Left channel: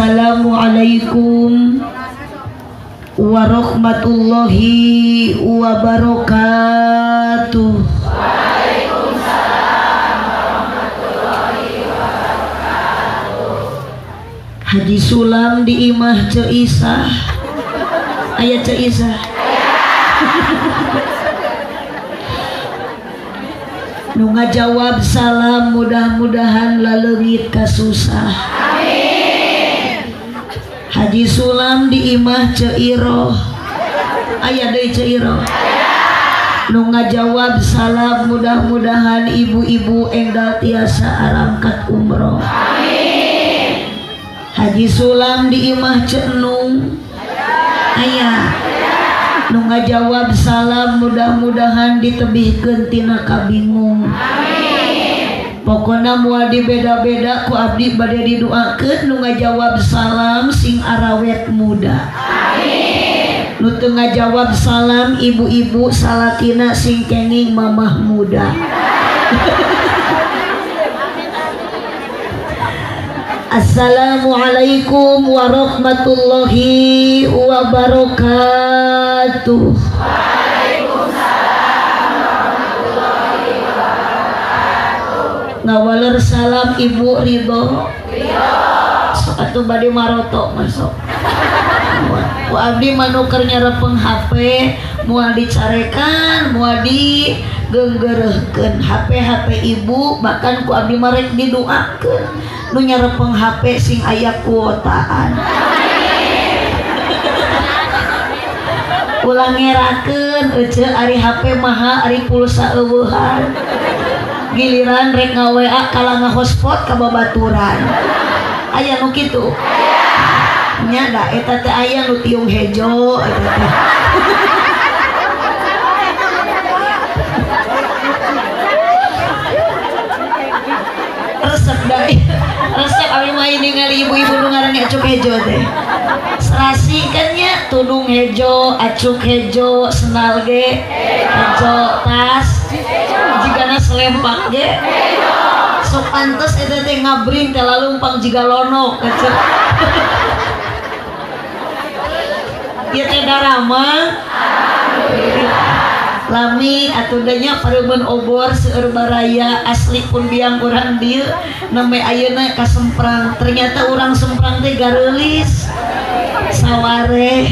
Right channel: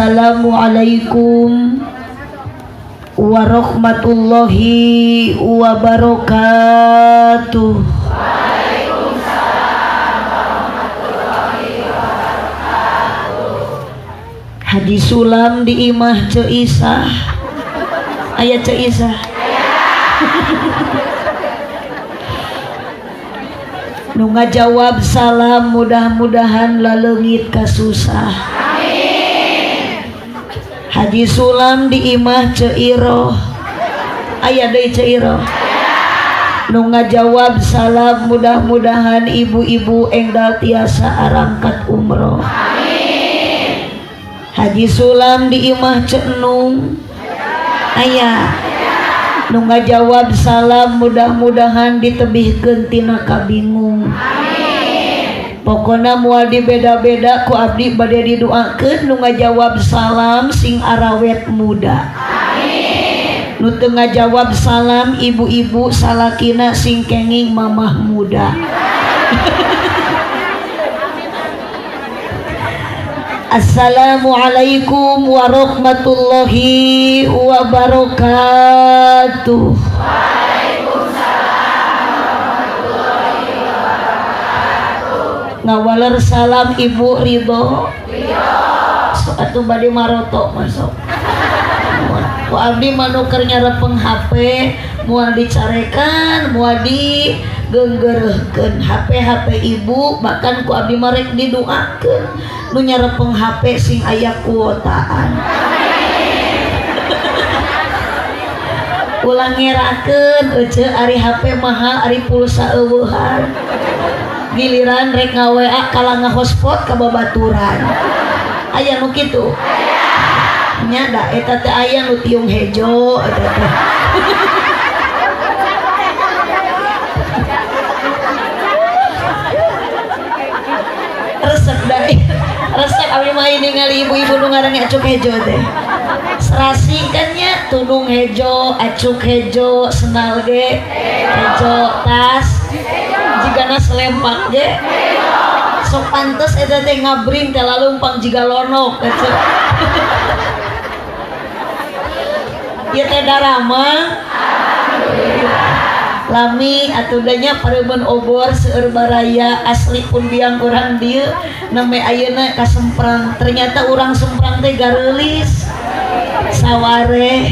Assalamualaikum warahmatullahi wabarakatuh. Hadis sulam di imah Ceisah. Ayat Ceisah. Nu ngajawab salam mudah-mudahan laleungit kasusah. Hadis sulam di imah Ceiroh. Aya deui Ceiroh. Nu ngajawab salam mudah-mudahan ibu-ibu enggal tiasa arangkat umroh. Hadis sulam di imah Cenung. Aya nu ngajawab salam mudah-mudahan ditebihkeun tina kabingung. Pokona moal dibeda-beda ku abdi bade didoakeun nu ngajawab salam sing arawet muda. Nu teu ngajawab salam ibu-ibu salakina sing kenging mamah muda. Assalamualaikum warahmatullahi wabarakatuh. Ngawaler salam Ibu Ridho. Sok atuh bade maroto masuk. Ku abdi manuker nyarepeng HP moal dicarekan, moal digenggereuhkeun HP ibu, bahkan ku abdi marek didoakeun nu nyarepeng HP sing aya kuotaan. Ulang ngerakeun ece ari HP mahal ari pulsa eueuhan. Giliran rek nga-WA kala nga-hotspot ka babaturan. Aya nu kitu. Nya da eta teh aya nu tiung hejo eta teh. Resep dai. Resep abdi mah ningali ibu-ibu nu ngaranna acuk hejo teh. Serasi kan nya tudung hejo, acuk hejo, sendal ge hejo, tas jigana selempak ge. Sok pantes eta teh ngabring teh lalu umpang jiga lonok acuk. Ieu teh darama. Lami atudanya pareumeuh obor seueur baraya asli pun biang urang dieu name ayeuna kasemprang. Ternyata urang semprang teh gareulis. Saware.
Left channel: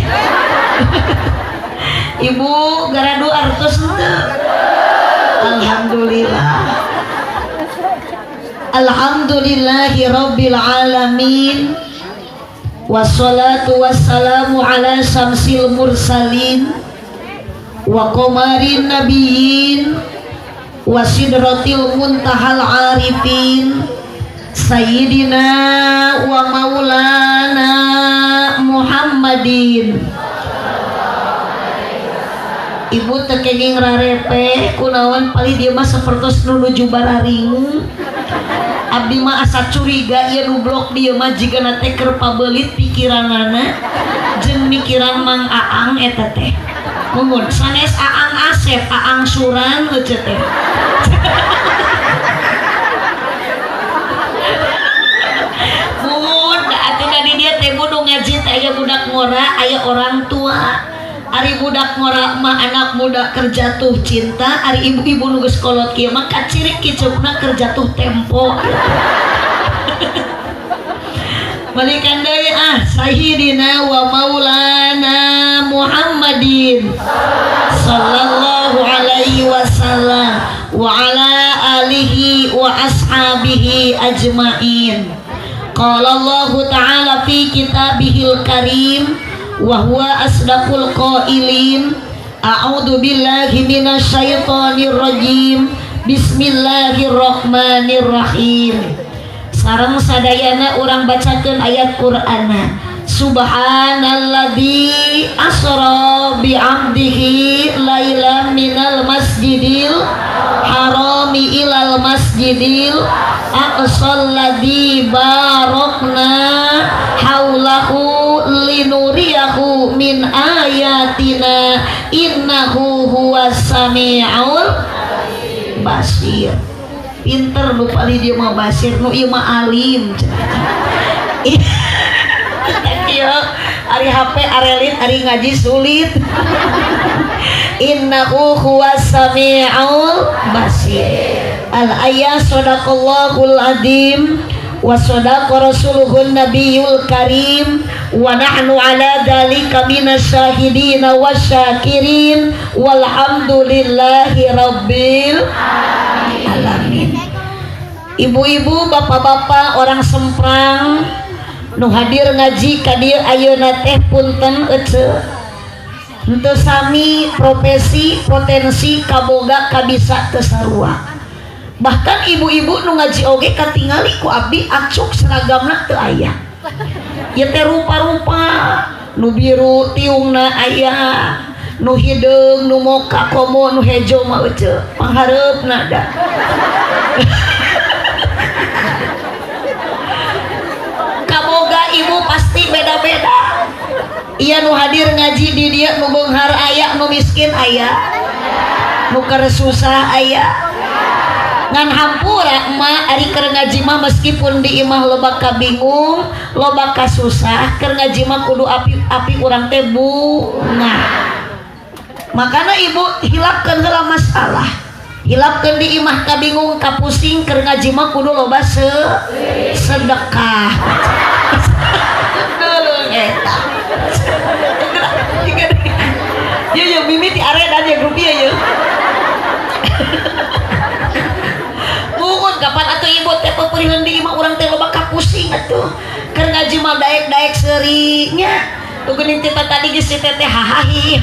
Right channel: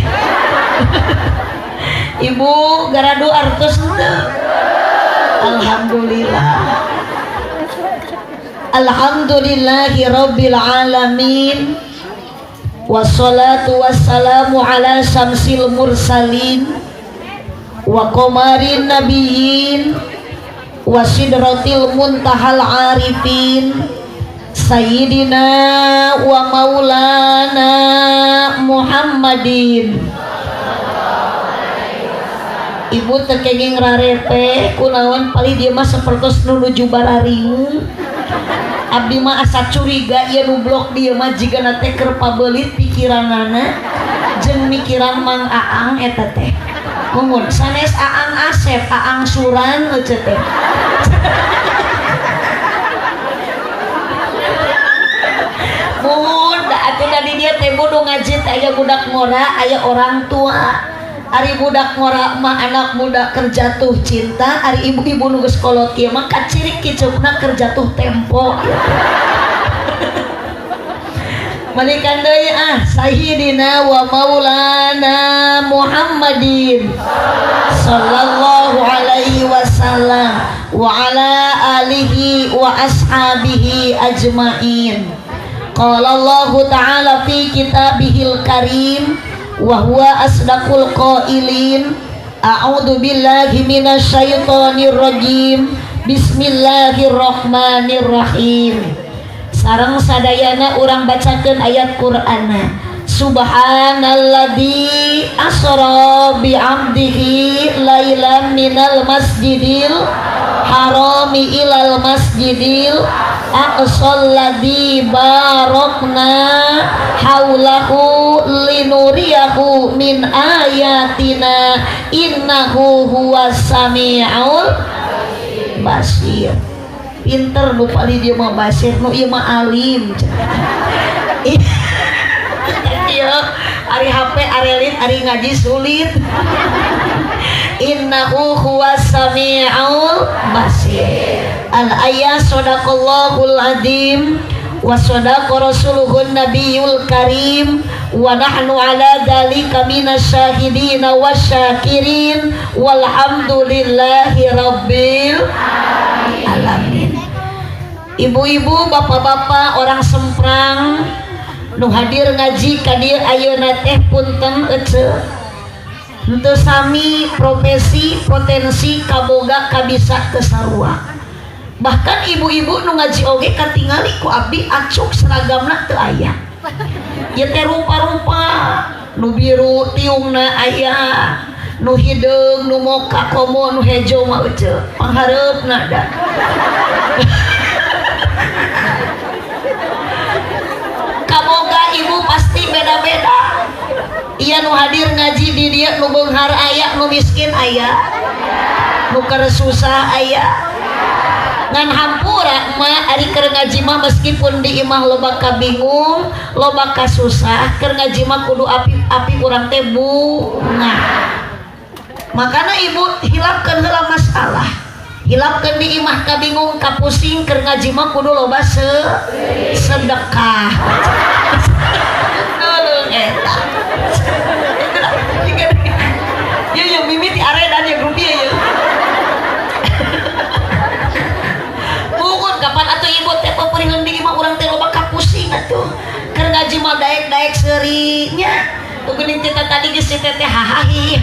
Ibu garadu artos henteu. Alhamdulillah. Alhamdulillahirabbil alamin. Wassalatu wassalamu ala syamsil mursalin wa qamarin nabiyyin wa sidratil muntahal arifin sayyidina wa maulana Muhammadin. Ibu teu kenging rarepe kunaon pali dieu mah sapertos nuju bararingu. Abdi mah asa curiga ieu nu blok dieu mah jigana teh keur pabeulit pikiranana jeung mikiran Mang Aang eta teh. Mungun sanes Aang Asep, Aang Suran ece teh. Mungun da atuh di dieu teh kudu ngaji teh aya budak ngora, aya orang tua. Ari budak ngora mah anak muda kerja tuh cinta, ari ibu-ibu nu geus kolot kieu mah kacirik kiceupna kerja tuh tempo. Balikan deui sayyidina wa maulana Muhammadin sallallahu alaihi wasallam wa ala alihi wa ashabihi ajmain. Qala Allah ta'ala fi kitabihil karim wa huwa asdaqul qailin. A'udzu billahi minasyaitonir rajim. Bismillahirrahmanirrahim. Sareng sadayana urang bacakeun ayat Qur'ana. Subhanalladzi asra bi 'abdihi lailan minal masjidil harami ilal masjidil aqsal ladzi barakna haulahu linuriyahu min ayatina innahu huwas samiul basir. Pinter nu pali dia mah basir, nu ieu mah alim. ari HP arelit ari ngaji sulit. Innahu huwas sami'ul basir. Al ayat sadaqallahul azim wa sadaqa rasuluhun nabiyul karim wa nahnu ala dzalika minasyahidin wasyakirin walhamdulillahi rabbil alamin. Ibu-ibu, bapak-bapak, orang Semprang nu hadir ngaji ka dieu ayeuna teh punten ece. Henteu sami profesi potensi kaboga kabisa teu sarua. Bahkan ibu-ibu nu ngaji oge katingali ku abdi acuk seragamna teu aya. Ieu teh rupa-rupa nu biru tiungna aya, nu hideung nu moka komo nu hejo mah euceu. Panghareupna da. Kaboga ibu pasti beda-beda. Iya nu hadir ngaji di dia nu beunghar aya, nu miskin aya, nu keur susah aya. Ngan hampura emak ari keur ngaji mah meskipun di imah loba ka bingung, loba ka susah, keur ngaji mah kudu api-api urang teh bunga. Makana ibu hilapkeun heula masalah. Hilapkeun di imah ka bingung ka pusing, keur ngaji mah kudu loba sedekah. Nulung eta. Ye mimiti aredan ya rupiah ye. Bukan kapan atuh ibu teh paperihun di imah urang teh loba ka pusing atuh. Keur ngaji mah daek-daek serinya. Tuguning kita tadi geus si teteh hahahi.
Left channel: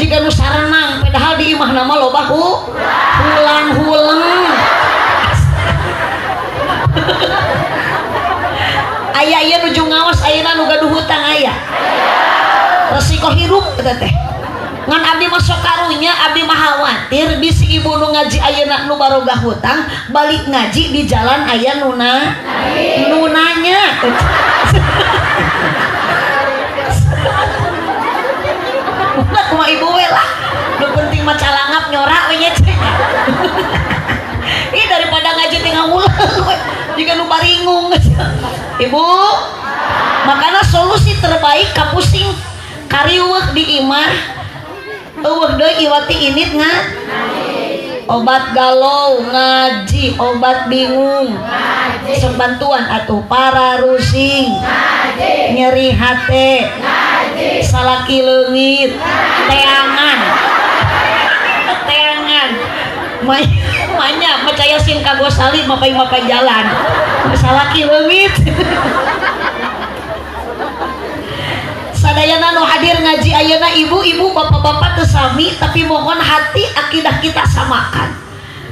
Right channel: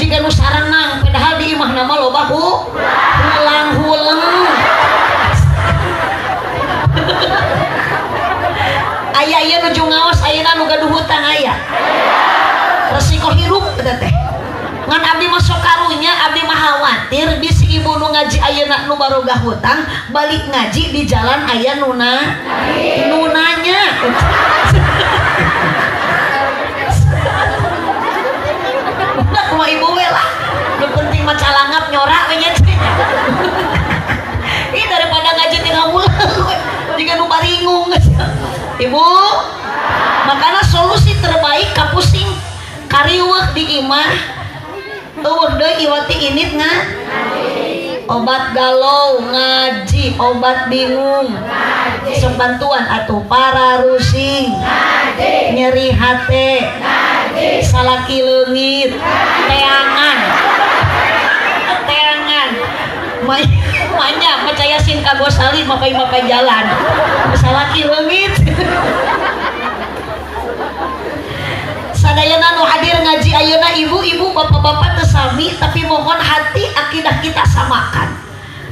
Jika nu sarenang padahal di imah nama loba hulang-hulang. Aya nuju ngaos ayeuna nu gaduh hutang aya. Resiko hirup eta teh. Ngan abdi mah sok karunya, abdi mah khawatir bisi ibu nu ngaji ayeuna nu barogah hutang balik ngaji di jalan aya nunanya. Udah kuma ibu we lah. Nu penting mah calangap nyorak we nya. Ih daripada ngaji teh ngawulang we. Jika nu baringung. Ibu, makanya solusi terbaik kapusing kariweuh di imah eueuh deui iwati init obat galau ngaji, obat bingung sok bantuan atuh para rusing nyeri hate salaki leungit teangan manya percaya sin ka gosali mapai jalan salaki leungit. Sadayana nu hadir ngaji ayeuna ibu-ibu bapak-bapak teu sami tapi mohon hati akidah kita samakan.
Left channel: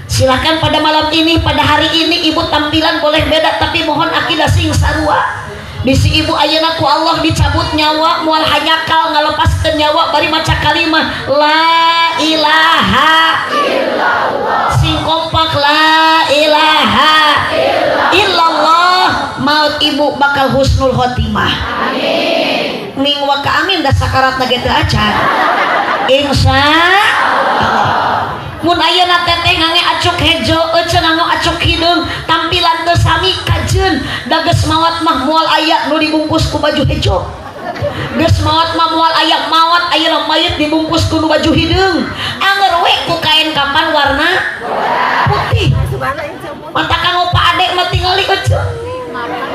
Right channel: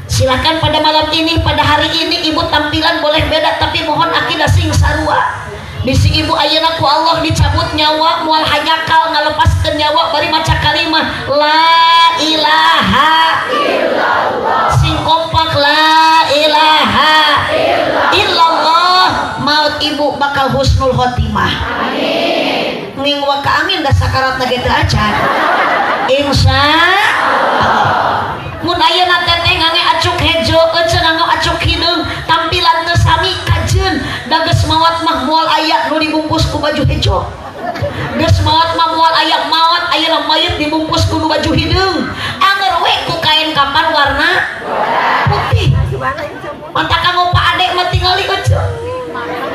Silakan pada malam ini, pada hari ini ibu tampilan boleh beda tapi mohon akidah sing sarua. Bisi ibu ayeuna ku Allah dicabut nyawa moal hanyakal ngalepaskeun nyawa bari maca kalimah la ilaha illallah. Sing kompak la ilaha illallah maut ibu bakal husnul khotimah. Amin. Ning waka amin da sakaratna ge teu acan. Insyaallah. Mun ayeuna teh ngange acuk hejo, eceun nganggo acuk hideung, tampilan teu sami kajeun, da geus maot mah moal aya nu dibungkus ku baju hejo. Geus maot mah moal aya maot ayeuna mayit dibungkus ku baju hideung. Anger we ku kain kapan warna putih. Manta kanggo pa adek mah tingali eceun.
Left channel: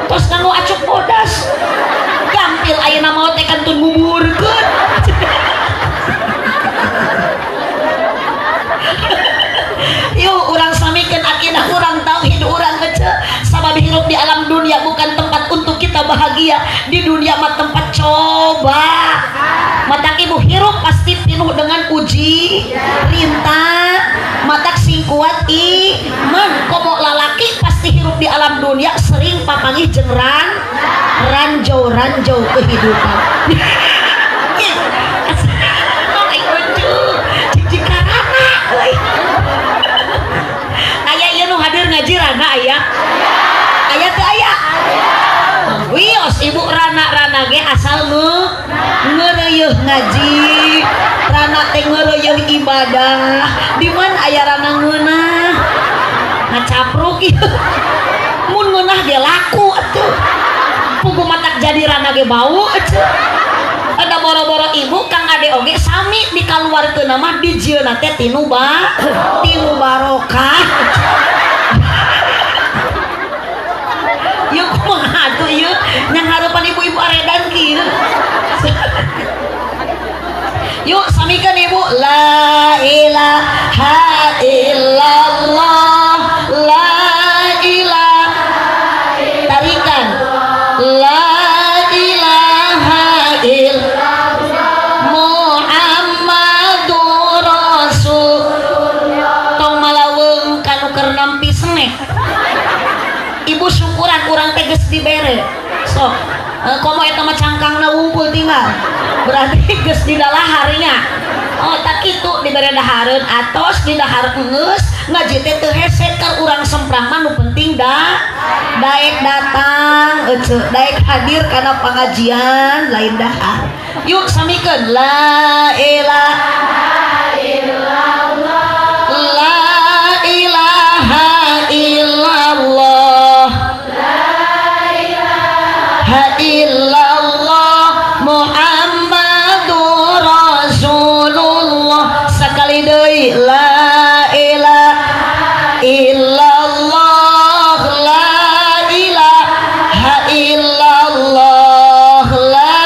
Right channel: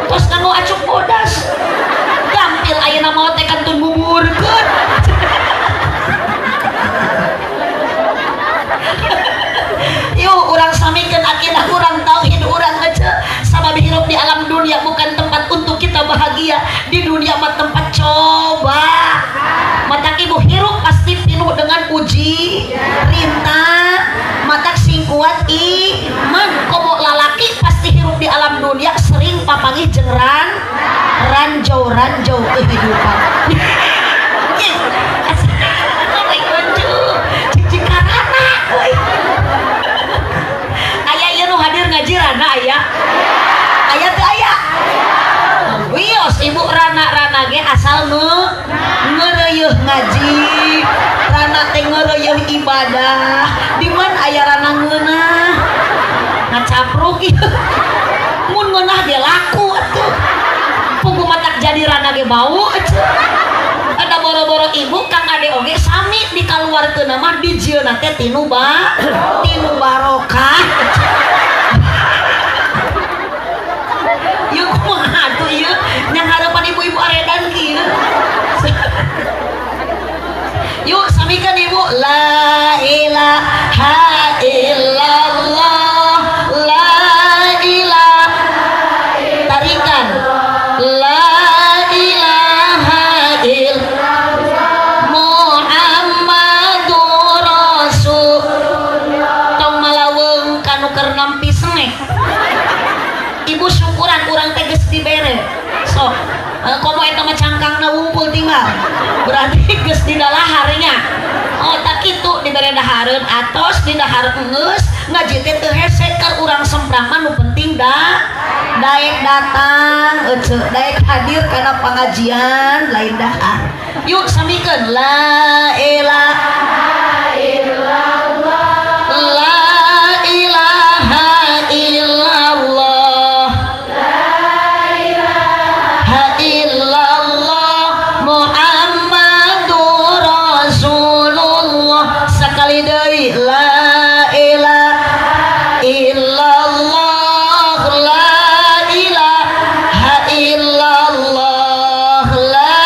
Tos kanggo acuk bodas. Gampil ayeuna maot teh kantun buburkeun. Yuk urang samikeun akidah urang tauhid urang ngece sabab hirup di alam dunia bukan tempat untuk kita bahagia. Di dunia mah tempat coba. Matak ibu hirup pasti penuh dengan uji rintang. Matak sing kuat iman komo lalaki pasti hirup di alam dunia sering papangih jeung ranjau kehidupan. Hadir ngaji rana aya teu aya wios ibu rana ge asal ngeureuyeuh ngaji rana teh ngeureuyeuh ibadah di mana aya rana ngeunah ngacapruk ieu mun ngeunah ge laku atuh pugu matak jadi giliran lagi bau ada boro-boro ibu kang ade oge sami dikaluarkeun nama dijieuna teh tinu barokah yuk kumaha atuh ieu nyang hareupan ibu-ibu aredan kieu yuk samikeun ibu la ilaha illallah la ilaha tarikan la ilaha illallah Muhammadur Rasul tong malaweung kanu keur nampi senek ibu syukuran urang teh geus dibere sok komo eta mah cangkangna wungkul tinggal berarti geus di dalaharnya oh tak kitu dibere dahareun atos di dahar geus ngaji teh teu hese keur urang semprang mah nu penting daek datang daek hadir kana pangajian lain dahar yuk samikeun la ilaha illallah la ilaha illallah illallah Muhammadur Rasulullah sakali deui la ilaha illallah la ilaha illallah la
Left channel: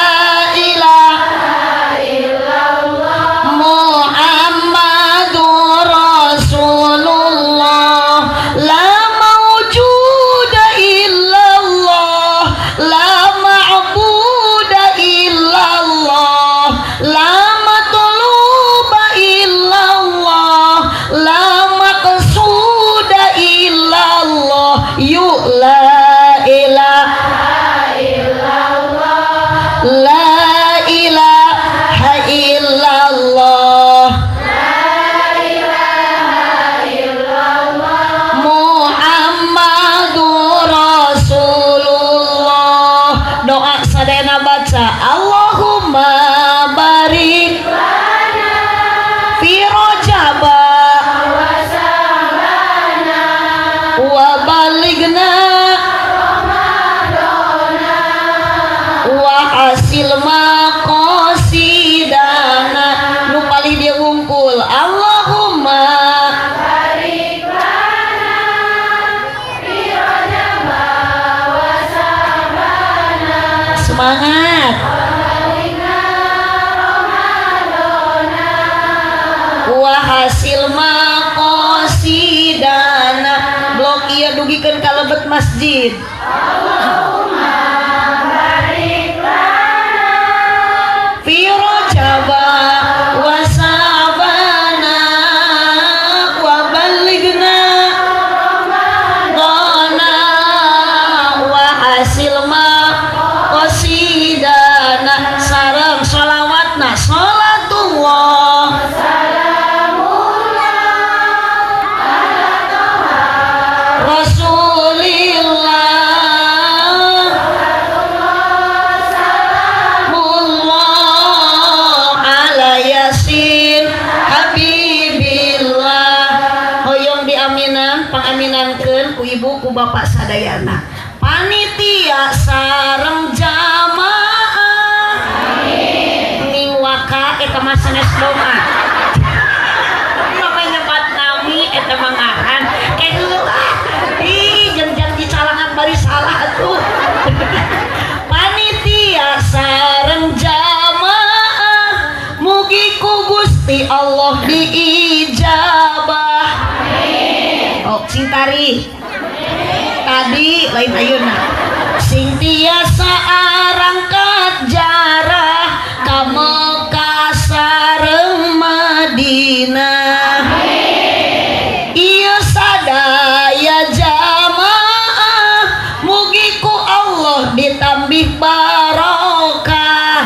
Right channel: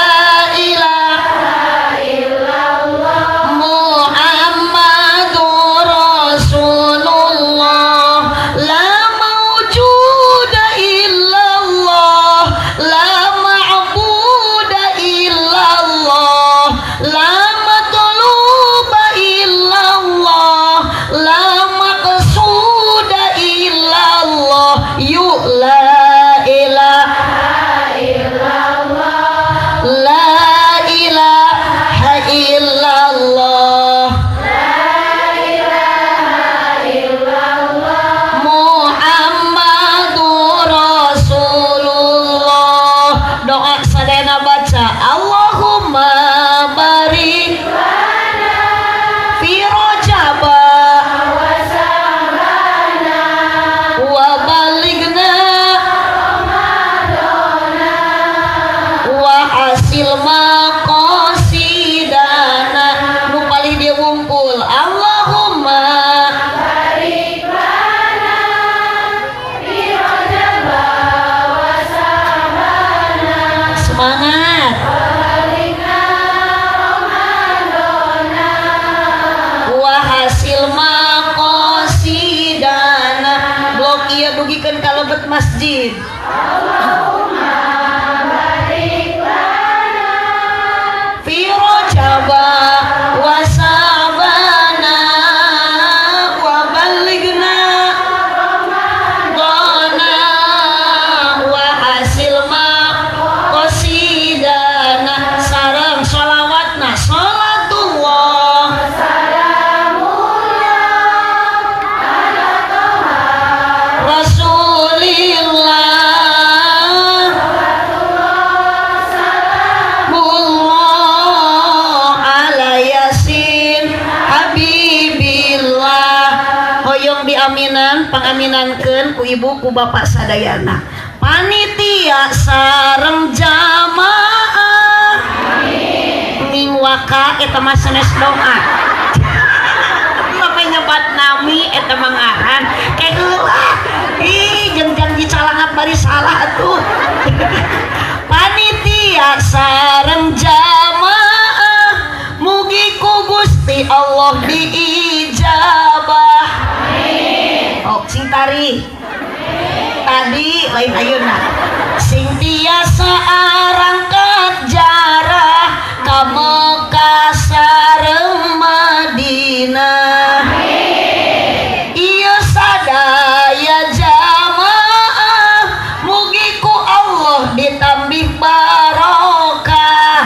ilaha illallah Muhammadur Rasulullah la mawjuda illallah la hasil maqasidana nu paling dia wungkul Allahumma barik lana fi rajab wa sabana semangat balikna ramadana wa hasil maqasidana blok ieu dugikeun ka lebet masjid ibu ku bapak sadayana panitia sareng jamaah amin waka eta mah sanes doa maka nyebat nami eta mangahan ke ih jeung janji calangan bari salah atuh panitia sareng jamaah mugi ku Gusti Allah diijabah amin oh cintari tadi lain ayeuna sing tiasa arangkat jarah ka Mekah sareng Madinah ieu sadaya jamaah mugi ku Allah ditambih barokah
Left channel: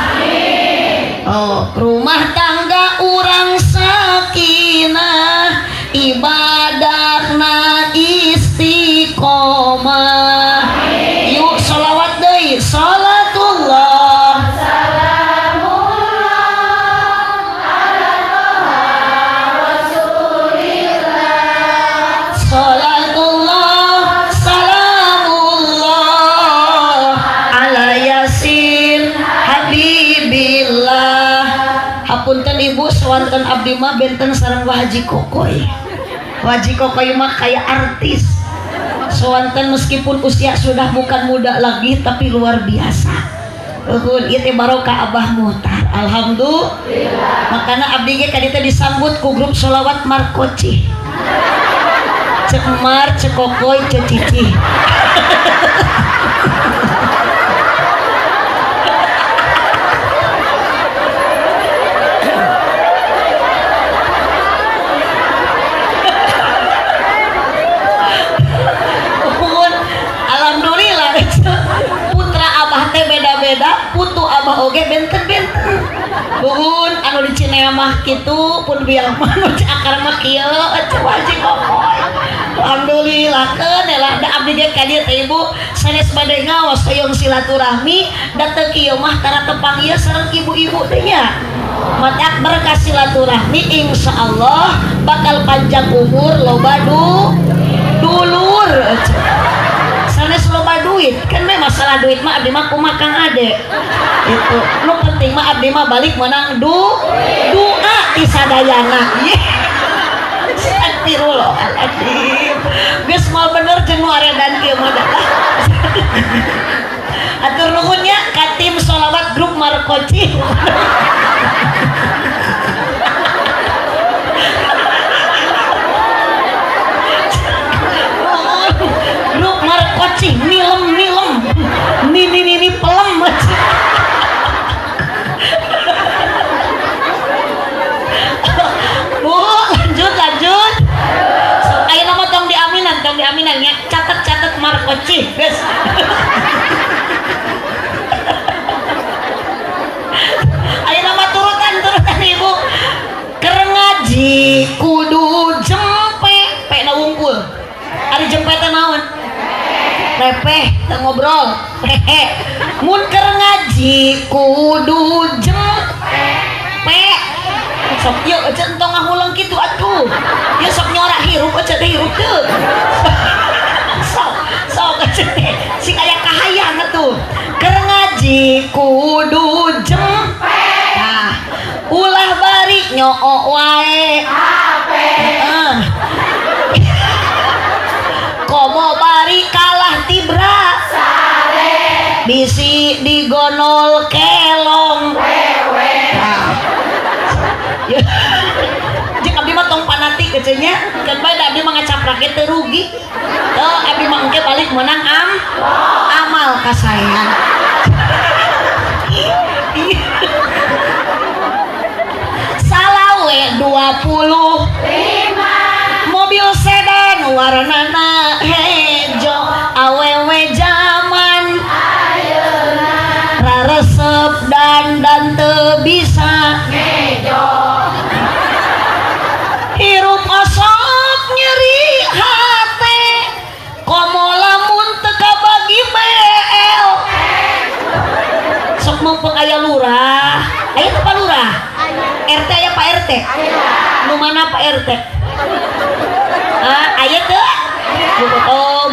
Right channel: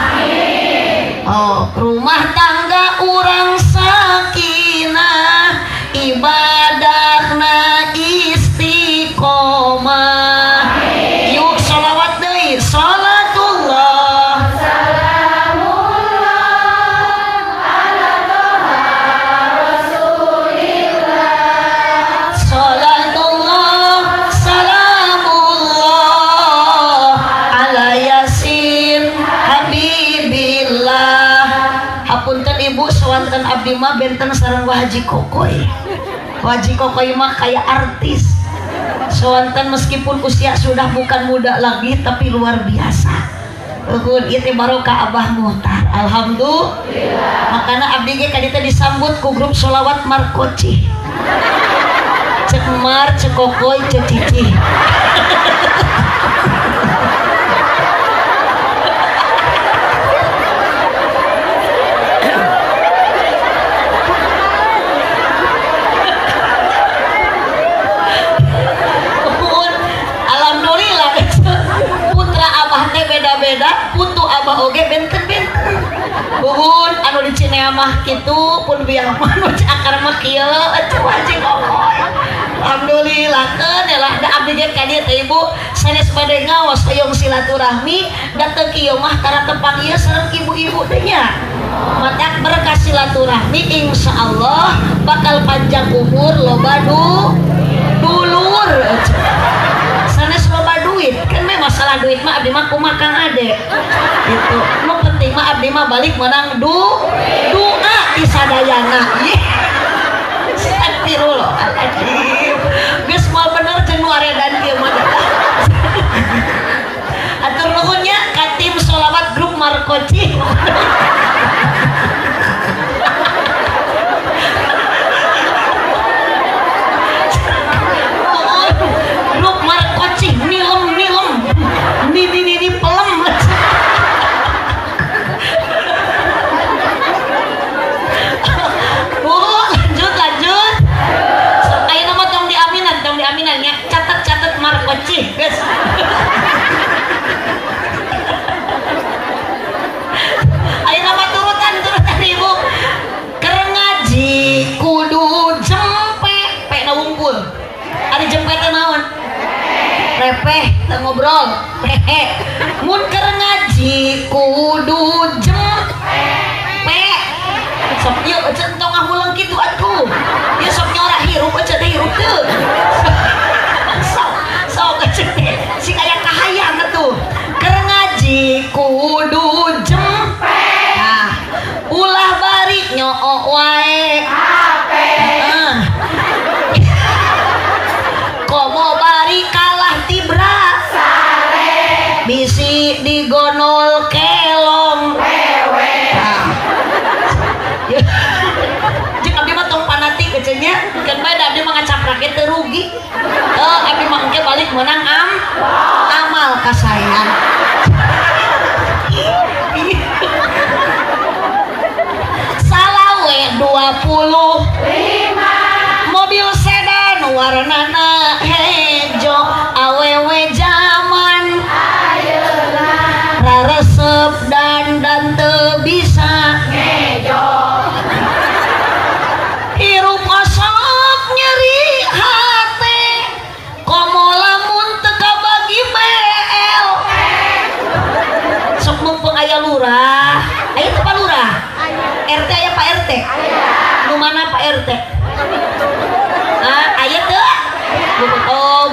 oh rumah tangga urang sakinah ibadahna istiqomah yuk sawanten abdi mah benten sareng Haji Kokoy. Haji Kokoy mah kayak artis. Sawanten meskipun usia sudah bukan muda lagi tapi luar biasa. Itu barokah Abah Muhtar. Alhamdulillah. Makanya abdi ge kadita disambut ku grup sholawat Markoci. Cek Mar, cek Kokoy, cek Cici. Beda-beda putu abah oge benten-benten buhun anu di Cineamah kitu pun biang mah nu akar mah kieu Haji Kokoy. Alhamdulillah keun lah da abdi ge ka dieu teh ibu sanes bade ngaos hoyong silaturahmi datang kieu mah karena tempat ieu sareng ibu-ibu teh nya. Mata berkah silaturahmi insyaallah bakal panjang umur loba dulur. Sanes loba duit kan mah masalah duit mah abdi mah kumaha Kang Ade itu nu penting mah abdi mah balik menang doa di sadayana ye astagfirullahaladzim geus moal bener jeung nu aredan kieu mah atur nuhun nya ka tim sholawat grup Markoci. Grup Markoci nilem nini pelem. lanjut so, ayo nama tong diaminan ya catat Markoci guys. Ayo nama turutan ibu keur ngaji kudu jempe pe na wungkul ari jempe teh naon repeh teu ngobrol mun keur ngaji kudu jempe sok ieu eceun tong ngahulang kitu atuh ieu sok nyorak hirup eceun teh hirup teu sok eceun sing aya kahayang atuh keur ngaji kudu jempe nah ulah bari nyoo wae hape komo bari kalah tibra sare bisi digonol kelong wewe jeung abdi mah tong panatik eceun nya kan bae da abdi mah ngacaprak teu rugi abdi mah engke balik menang amal ka saya. Salawe 25 mobil sedan warnana hejo awewe zaman ayeuna raresep dan teu bisa ngejo hirup asap nyeri hate komo lamun teu kabagi bel sok mumpung aya lurah aya teu Pak Lurah RT aya Pak RT nu mana Pak RT aya teu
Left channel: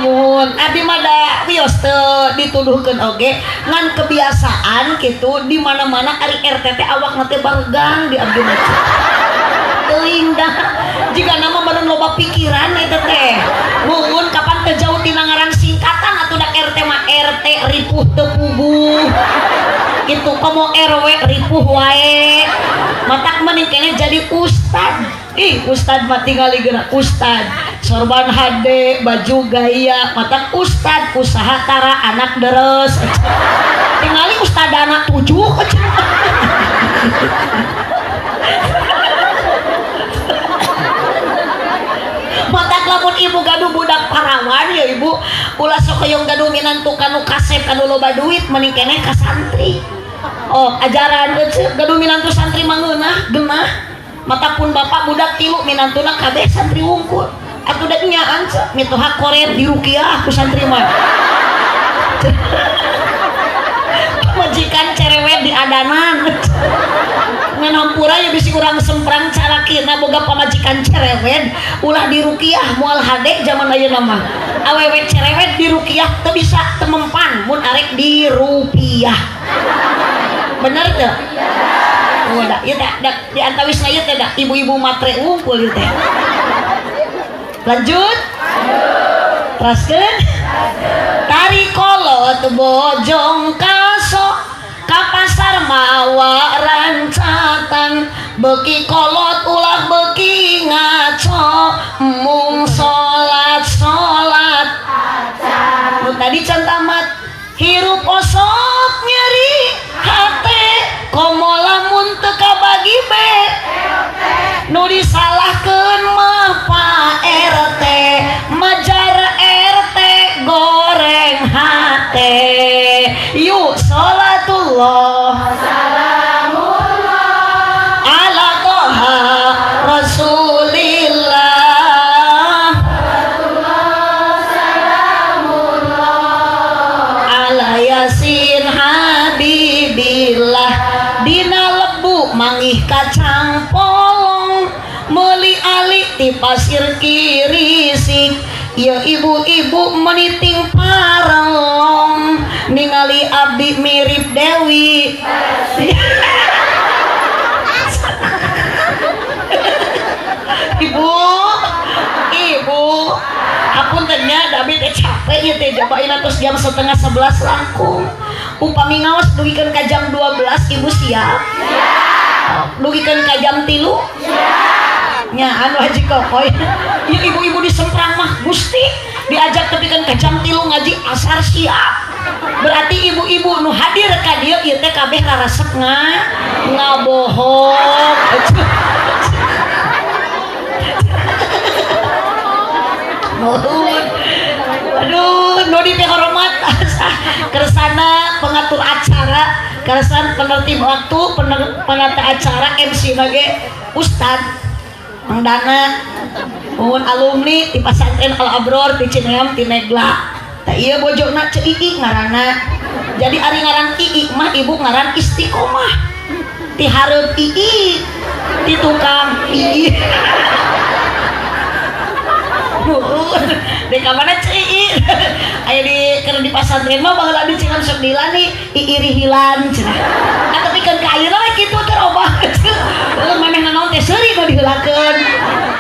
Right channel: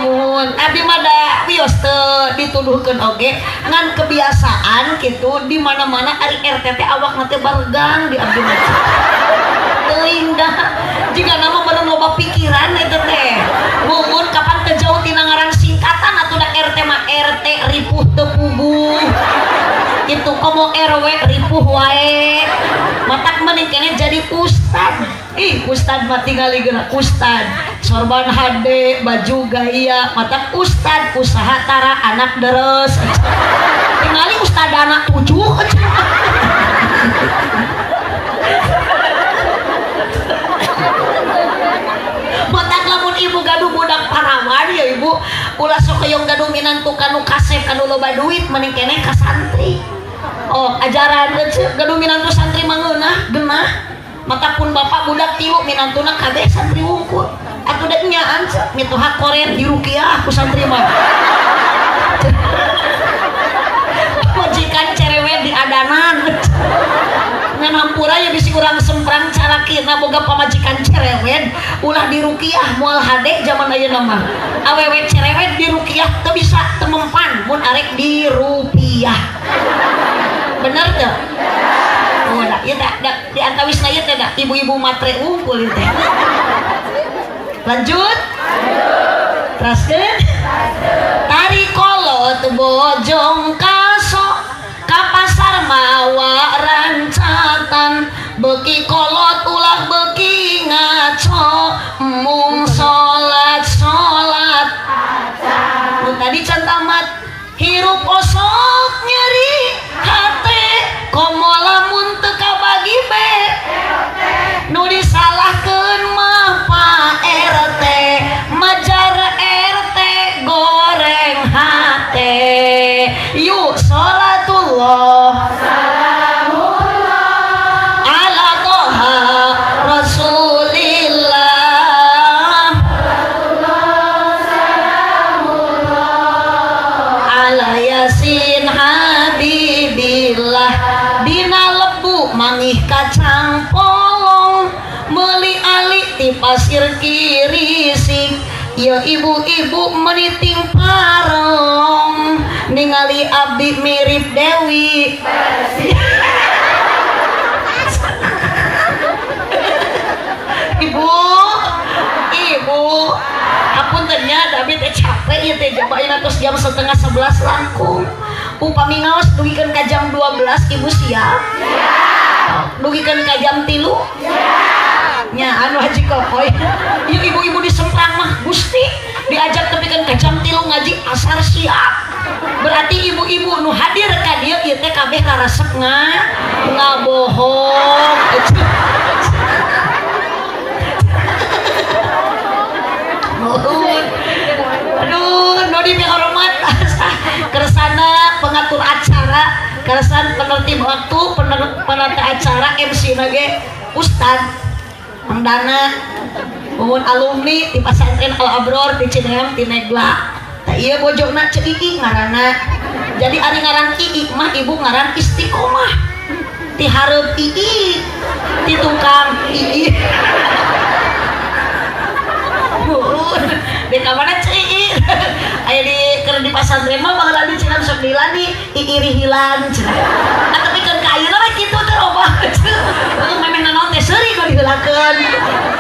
mun abdi mah da bios teu dituduhkeun oge ngan kebiasaan kitu di mana-mana ari RT teh awakna teh baregang di abdi mah teuing da jika nama baru loba pikiran eta teh mun kapan teu jauh tina ngaran singkatan atuh da RT mah RT ripuh teu puguh itu komo RW ripuh wae matak mending kene jadi ustad ustad mah tinggal geura ustad sorban HD baju gaya matak ustad usaha tara anak deres tingali ustad anak 7 matak lamun ibu gaduh budak parawan ya ibu ulah sok hoyong gaduh minantu kanu kasep kanu loba duit mending kene ka santri ajaran gaduh minantu santri mangeunah genah mata pun bapak budak tilu minantuna kabeh santri wungkul atuh da nyaan mitoha koret di rukiah ku santri mah majikan cerewet di adanan ngan hampura ya bisi urang semprang carakina boga pamajikan cerewet ulah di rukiah moal hade zaman ayeuna mah awewe cerewet di rukiah teu bisa teu mempan mun arek di rupiah bener teu Udah, ya di antawis na ieu teh ibu-ibu matre wungkul ieu teh. Lanjut. Teruskeun. Tari kolot bojong kaso ka pasar mawa rancatan beuki kolot ulah beuki ngaco mung salat nu tadi can tamat hirup osok nyeri hate komo lamun teu kabagi be nu disalahkeun mah Pak RT majar RT goreng hate yuk sholatullah ala toha rasulillah ala yasin habibillah dina lebu mangih kacang polong meuli ali ti pasir kirisik ya ibu-ibu meniting parong ningali abdi mirip Dewi ibu hapuntennya David teh capek ieu teh jabain atos jam 10:30 langkung upami ngaos dugikeun ka jam 12 ibu siap? Siap. Dugikeun ka jam 3? Siap. Nya anu Haji Kokoy ieu ibu-ibu di Semprang mah Gusti diajak tepikeun ka jam 3 ngaji asar siap. Berarti ibu-ibu nu hadir ka dieu ieu teh kabeh raresep ngabohong. Aduh, nodi hormat kersana pengatur acara, kersan penertib waktu, penata acara MC nage Ustad Mang Dana, mohon alumni di pesantren Al Abror di Cineam di Negla. Tak iya bojona cei ngarana. Jadi ari ngaran ii mah ibu ngaran istiqomah. Ti hareup ii, ti tukang ii. Di kamana cei aya di keur di pasantren mah baheula di Cileum 9 nih iiri hilan cenah tapi kan ka ayeuna mah kitu teh obah memeh naon teh seuri nu diheulakeun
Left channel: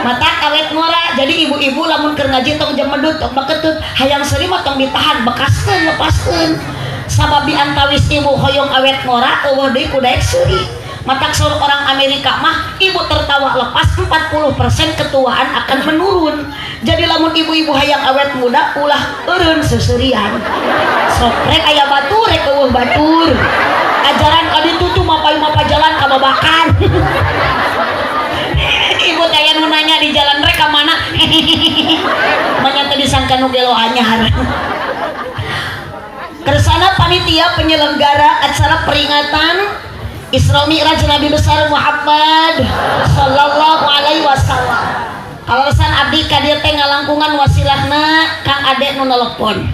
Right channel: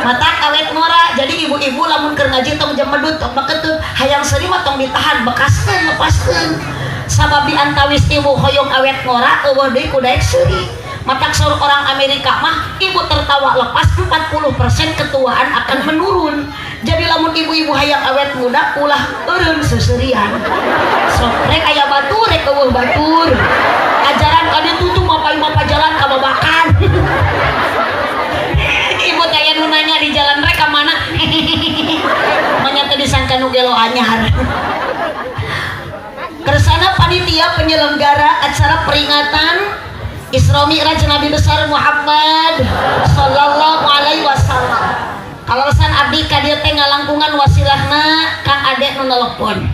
mata awet murah. Jadi ibu-ibu lamun keur ngaji tong jam medut tong baketut hayang seuri mah tong ditahan bekaskeun lepaskeun sababi antawis ibu hoyong awet murah eueuh deui ku daek seuri. Matak seluruh orang Amerika mah ibu tertawa lepas 40% ketuaan akan menurun. Jadi lamun ibu-ibu hayang awet muda ulah eureun seseurian. Sok rek aya batur rek eueuh batur. Ajaran kadu tutu mapa jalan ka babakan. Ibu teh aya nu nanya di jalan rek ka mana? Manya teh disangka nu gelo anyar. Kersana panitia penyelenggara acara peringatan Isra Mi'raj Nabi besar Muhammad sallallahu alaihi wasallam. Alasan abdi ka dieu teh ngalangkungan wasilahna Kang Ade nu nelpon.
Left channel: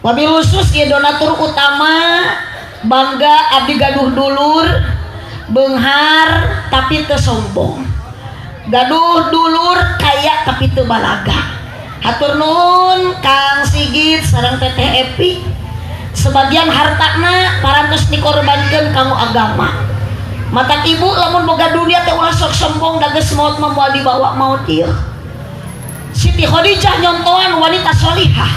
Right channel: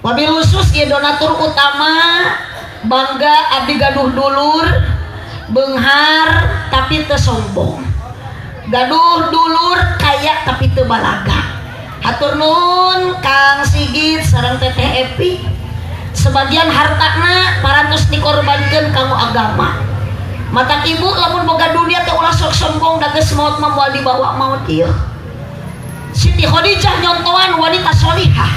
Wabil khusus ieu donatur utama bangga abdi gaduh dulur beunghar tapi teu sombong. Gaduh dulur kaya tapi teu balaga. Hatur nuhun Kang Sigit sareng Teteh Epi. Sebagian hartana parantos dikorbankeun kanggo agama. Matak ibu lamun boga dunia teh ulah sok sombong dageus maut mah moal dibawa maut ieu. Siti Khadijah nyontohan wanita solihah.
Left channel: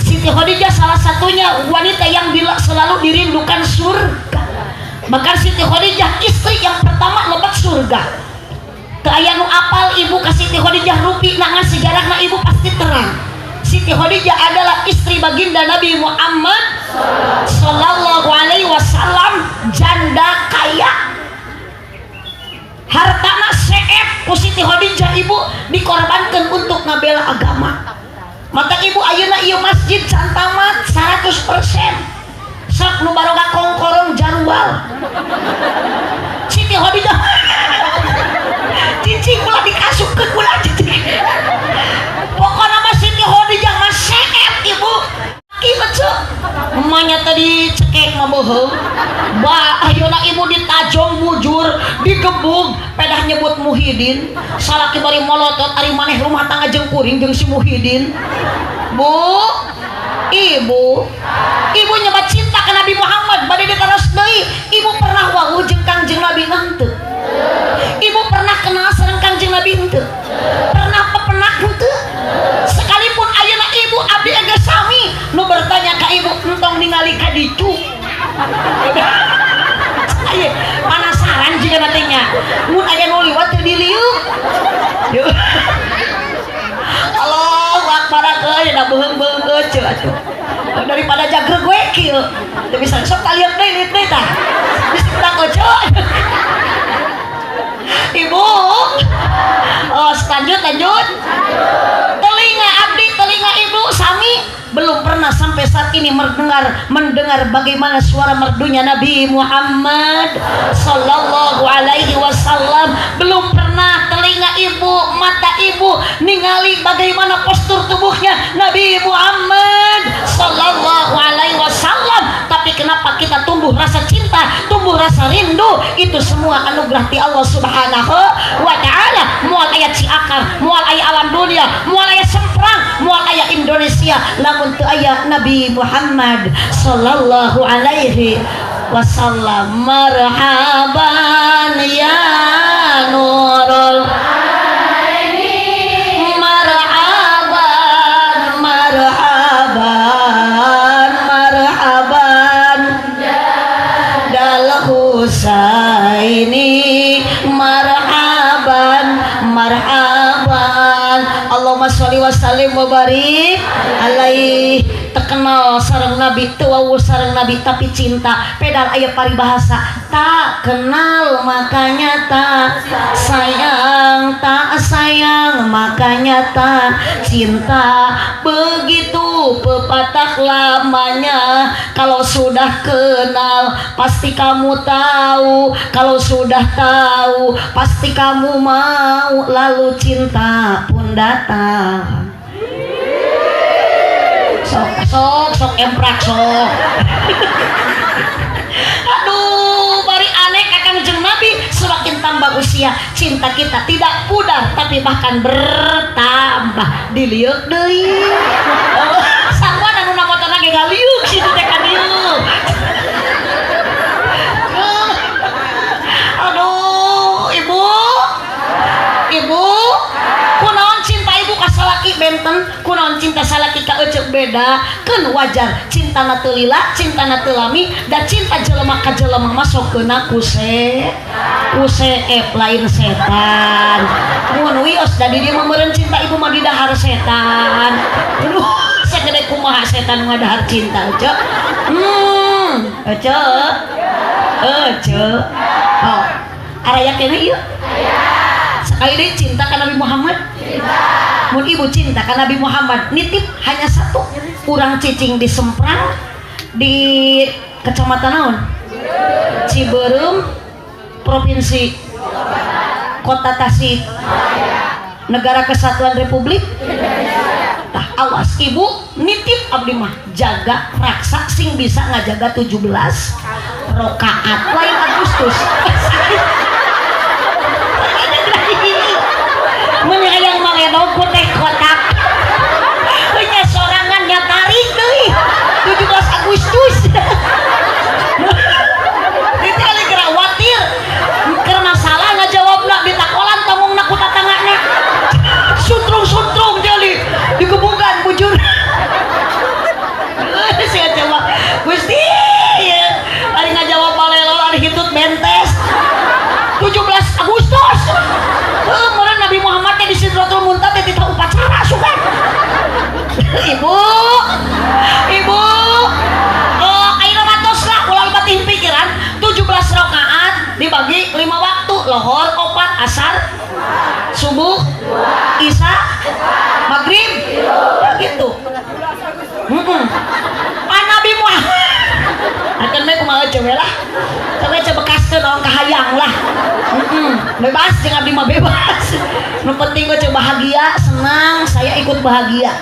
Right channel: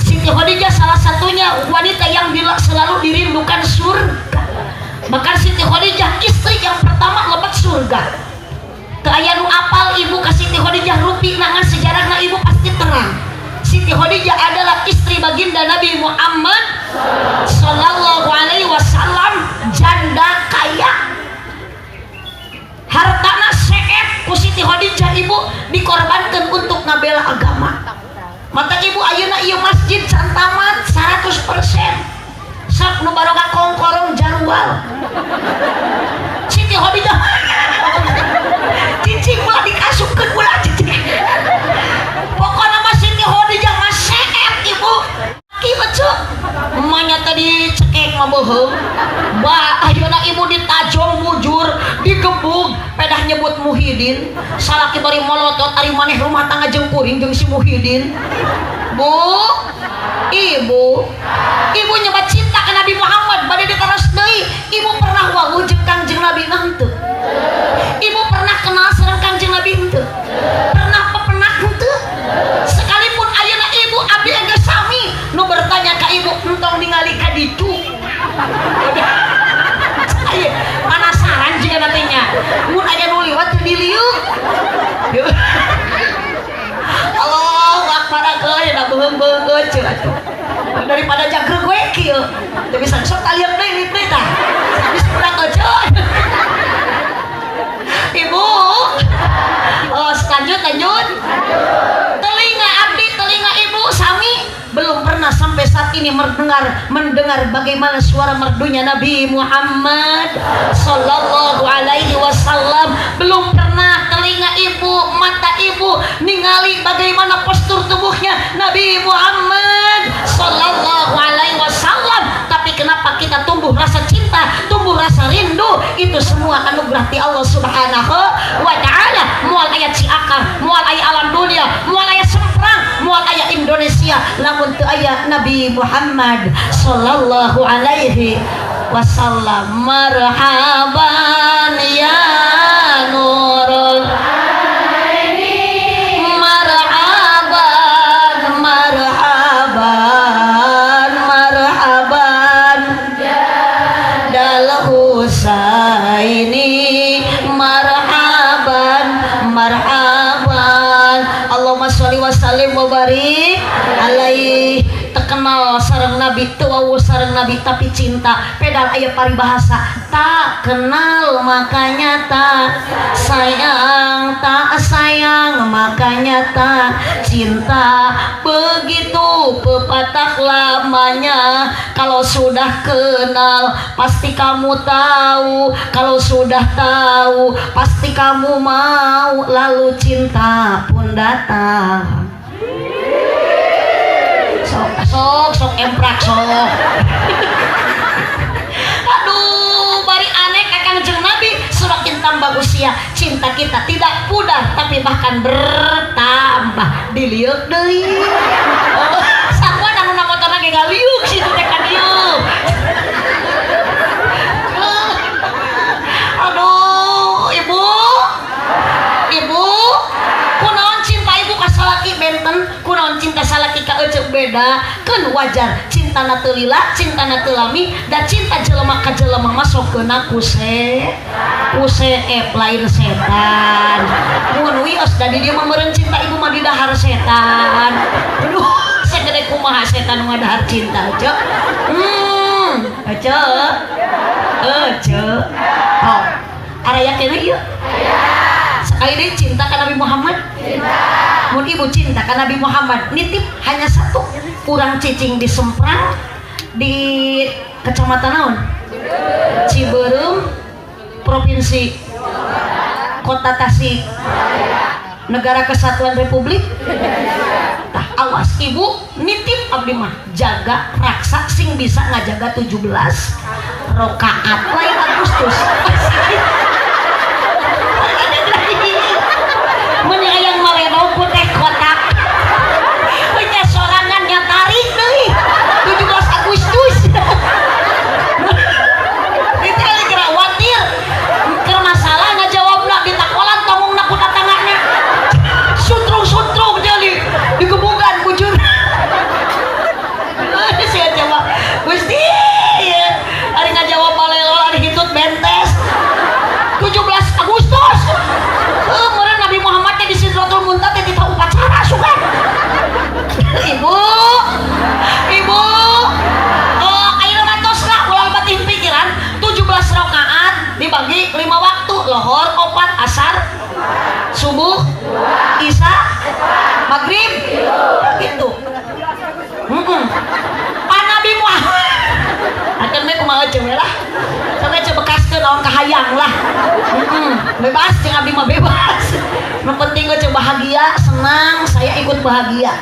Siti Khadijah salah satunya wanita yang selalu dirindukan surga. Bahkan Siti Khadijah istri yang pertama lebet surga. Teu aya nu apal ibu ka Siti Khadijah rupi nangan sejarahna ibu pasti terang. Siti Khadijah adalah istri baginda Nabi Muhammad sallallahu alaihi wasallam, janda kaya. Hartana seet ku Siti Khadijah ibu dikorbankan untuk ngabela agama. Mata ibu ayeuna ieu masjid can tamat 100%. Sok nu baroga kongkorong jarwal. Siti Khadijah cicing ulah dikasupkeun ulah cicing. Pokoknya mah Siti Khadijah mah seet ibu. Ki becu. Emanya tadi cekek mah beuheung. Ba ayeuna ibu ditajong mujur, digebug, pedah nyebut Muhyiddin. Salaki bari molotot ari maneh rumah tangga jeung kuring jeung si Muhyiddin. Bu, ibu nyoba cinta ke Nabi Muhammad bade diteras deui. Ibu pernah wawuh jeung Kangjeng Nabi nah dicu. Ayo penasaran juga nantinya. Mun aya nu liwat teu diliuk. Allahu akbar keun da beung-beung ceuk atuh. Daripada jagreg we kieu. Teu bisa sok kalian deui tah. Bisa urang eceuk. Ibu. Oh, lanjut. Telinga abdi, telinga ibu sami belum pernah sampai saat ini mendengar bagaimana suara merdunya Nabi Muhammad sallallahu alaihi wasallam. Belum pernah telinga ibu, mata ibu ningali bagaimana postur tubuhnya Nabi Muhammad sallallahu alaihi wasallam. Tapi kenapa kita tumbuh rasa cinta, tumbuh rasa rindu? Itu semua anugerah ti Allah Subhanahu wa taala. Moal aya Ciakar, moal aya alam dunia, moal aya Semprang, moal aya Indonesia, lamun teu aya Nabi Muhammad sallallahu alaihi wasallam. Marhaban ya nurul aini, marhaban dal Husaini, marhaban Allahumma sholli wa sallim wa barik alaihi. Terkenal sareng Nabi, tuawu sareng Nabi tapi cinta pedal aya paribahasa tak kenal makanya tak sayang, tak sayang makanya tak cinta. Begitu pepatah lamanya, kalau sudah kenal pasti kamu tahu, kalau sudah tahu pasti kamu mau, lalu cinta pun datang. Sok emprak sok. Aduh, bari aneh kakang jeung Nabi. Semakin tambah usia, cinta kita tidak pudar tapi bahkan bertambah. Diliuk deui. Sakuan anu namotona ge galiuk situ teh ka dieu. Aduh, ibu kunaon cinta ibu ka salaki benten, kunaon cinta salaki ka eceuk beda. Keun wajar cintana teu lila, cintana teu lami, da cinta jelema ka jelema mah sokeuna kuseep lain setan. Mun wios da di dieu mah meureun cinta ibu mah di dahar setan. Aduh, sagede kumaha setan nu ngadahar cinta eceuk. Eceuk. Oh, araya keneh ieu. Akhirnya cinta ke Nabi Muhammad. Mun ibu cinta ke Nabi Muhammad, nitip hanya satu. Urang cicing di Semprang, di kecamatan naon? Ciberem, provinsi Kota Tasik, Negara Kesatuan Republik. Tah awas ibu nitip abdi mah jaga raksa sing bisa ngajaga 17 rakaat lain Agustus. Menyayang maledau putih kotak punya sorangan yang tarik deh 17 Agustus. Itu kali kira watir ker masalah ngajawab nak ditakolan tanggung nak kuta tangannya suntrung jadi dikebukan bujur. Saya coba Gusti hari ngajawab balelo hari hitut bentes 17 Agustus. Meureun Nabi Muhammad teh di Sidratul Muntaha teh kita upacara sugan. Ibu. Ayeuna matos lah ulah batin pikiran 17 rakaat dibagi 5 waktu, lohor 4, asar, subuh, isya, maghrib. Gitu. Pan Nabi Muhammad. Akan mah kumaha cewek lah. Coba bekaskeun naon kahayang lah. Bebas jeung abdi mah bebas. Nu penting gue bahagia, senang, saya ikut bahagia.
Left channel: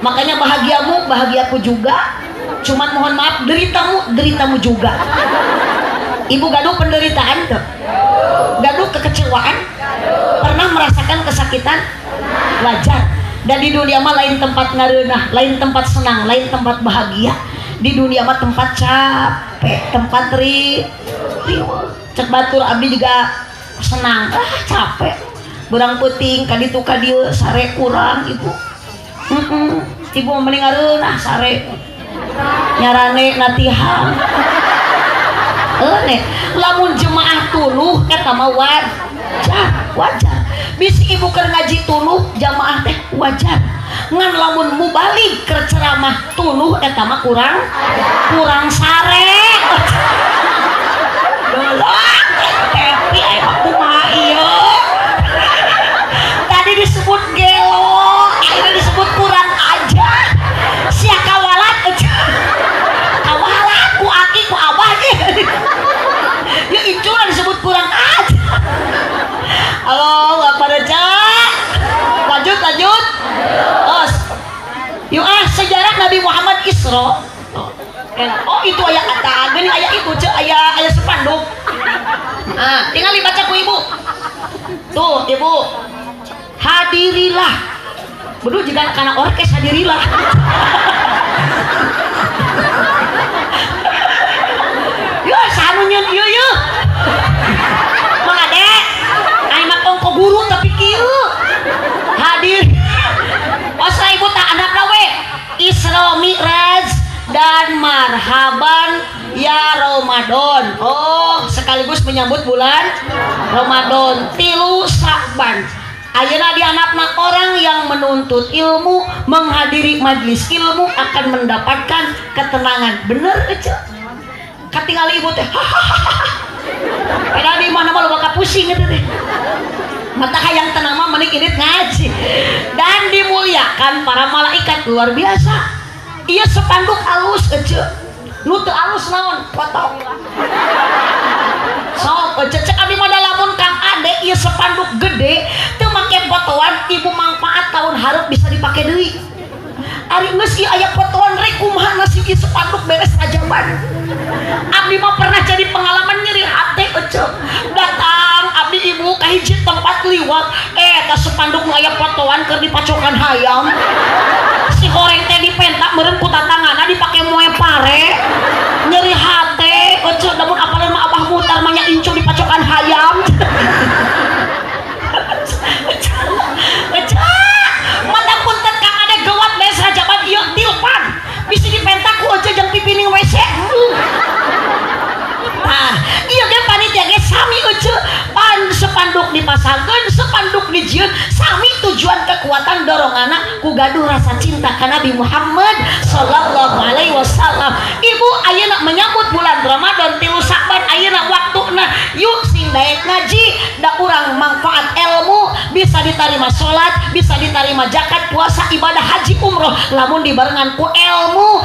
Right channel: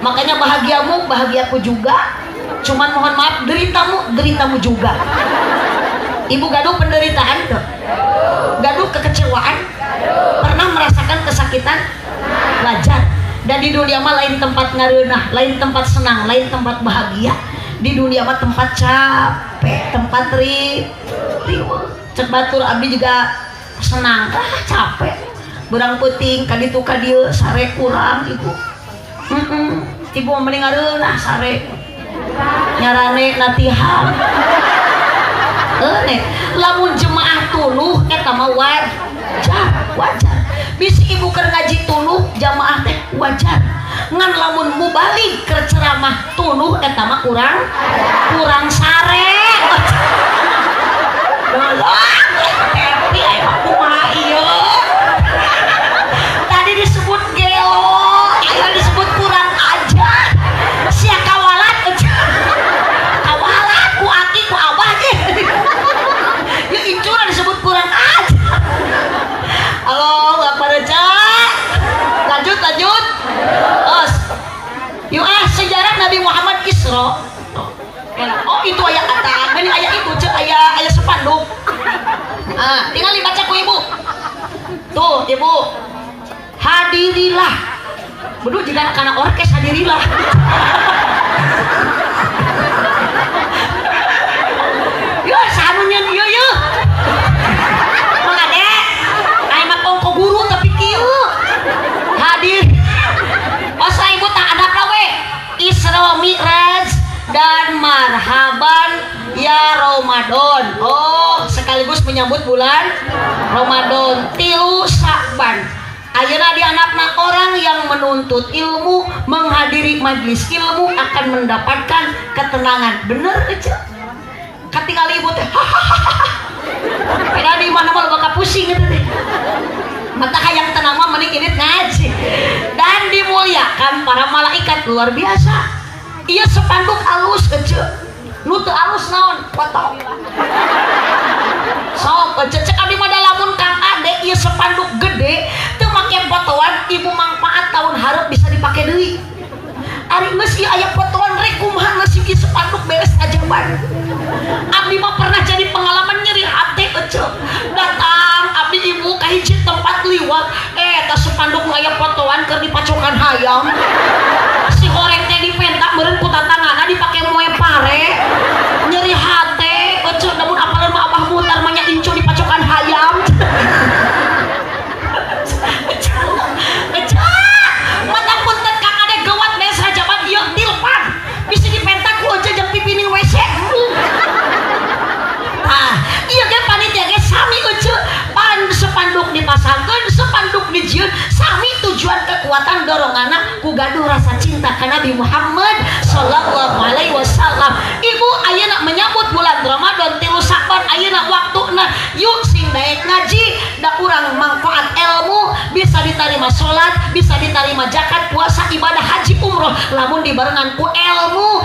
Makanya bahagiamu, bahagiaku juga. Cuman mohon maaf, deritamu juga. Ibu gaduh penderitaan tuh. Gaduh kekecewaan. Pernah merasakan kesakitan? Wajar. Dan di dunia mah lain tempat ngareunah, lain tempat senang, lain tempat bahagia. Di dunia mah tempat capek, tempat cek batur abdi juga senang, capek berang puting kaditu kadieu sare kurang ibu. Ibu mending ngareunah sare nyarane latihan. Nih, lamun jemaah tuluh eta mah wajar. Bisi ibu keur ngaji tuluh jamaah teh wajar. Ngan lamun mubalik keur ceramah tuluh eta mah kurang sare. Belok, tapi aya kumaha ieu. Tadi disebut gelo, akhirnya disebut kurang ajar. Sia kawalat ku aki ku abah ge. Ya incuna disebut kurang ajar. Halo, Bapak Reja. Lanjut. Yuk sejarah Nabi Muhammad Isra. Oh itu ayat kata, gini ayat itu ayat sepanduk. Tinggal dibaca ku ibu. Tuh ibu, hadirilah. Bedu jika anak orkes hadirilah. Yo sanunya yo. Mang ade, ai mah ongko guru tapi kieu. Hadir. Osa ibu tak ada we. Isra Mi'raj dan marhaban ya Ramadan. Oh, sekaligus menyambut bulan Ramadan. Tilu Sa'ban. Ayeuna di anakna orang yang menuntut ilmu, menghadiri majlis ilmu akan mendapatkan ketenangan. Bener aja. Katingal ibu teh. Peda di mana mah bakal pusing gitu teh. Mata hayang tenang mah mending ini ngaji. Dan dimuliakan para malaikat luar biasa. Iya sepanduk alus aja. Nu teu alus naon? Potong. Sok aja cek abdi mah lamun Kang Ade ieu sepanduk gede teu make fotoan ibu manfaat tahun hareup bisa dipake deui. Ari geus ieu aya fotoan rek kumaha nasib ieu sepanduk beres ajaban. Abdi mah pernah jadi pengalaman nyeri hati aja. Datang abdi ibu ka hiji tempat liwat eta sepanduk nu aya fotoan keur dipacokan hayam. Si goreng teh dipentak meureun ku tatangana dipake moe pare. Nyeri hati aja namun apaleun mah abah mutar mah nya incu dipacokan hayam. Mata punten Kang Ade gawat beres rajaban ieu tilpan. Bisa dipentak ku aja jeung pipining WC. Iya ge panitia ge sami euceu pan sepanduk dipasangkeun sepanduk dijieun sami tujuan kekuatan doronganna ku gaduh rasa cinta ka Nabi Muhammad sallallahu alaihi wasallam. Ibu ayeuna menyambut bulan Ramadan tilu Sa'ban ayeuna waktuna yuk sing daek ngaji da urang manfaat ilmu bisa diterima salat bisa diterima zakat puasa ibadah haji umroh lamun dibarengan ku ilmu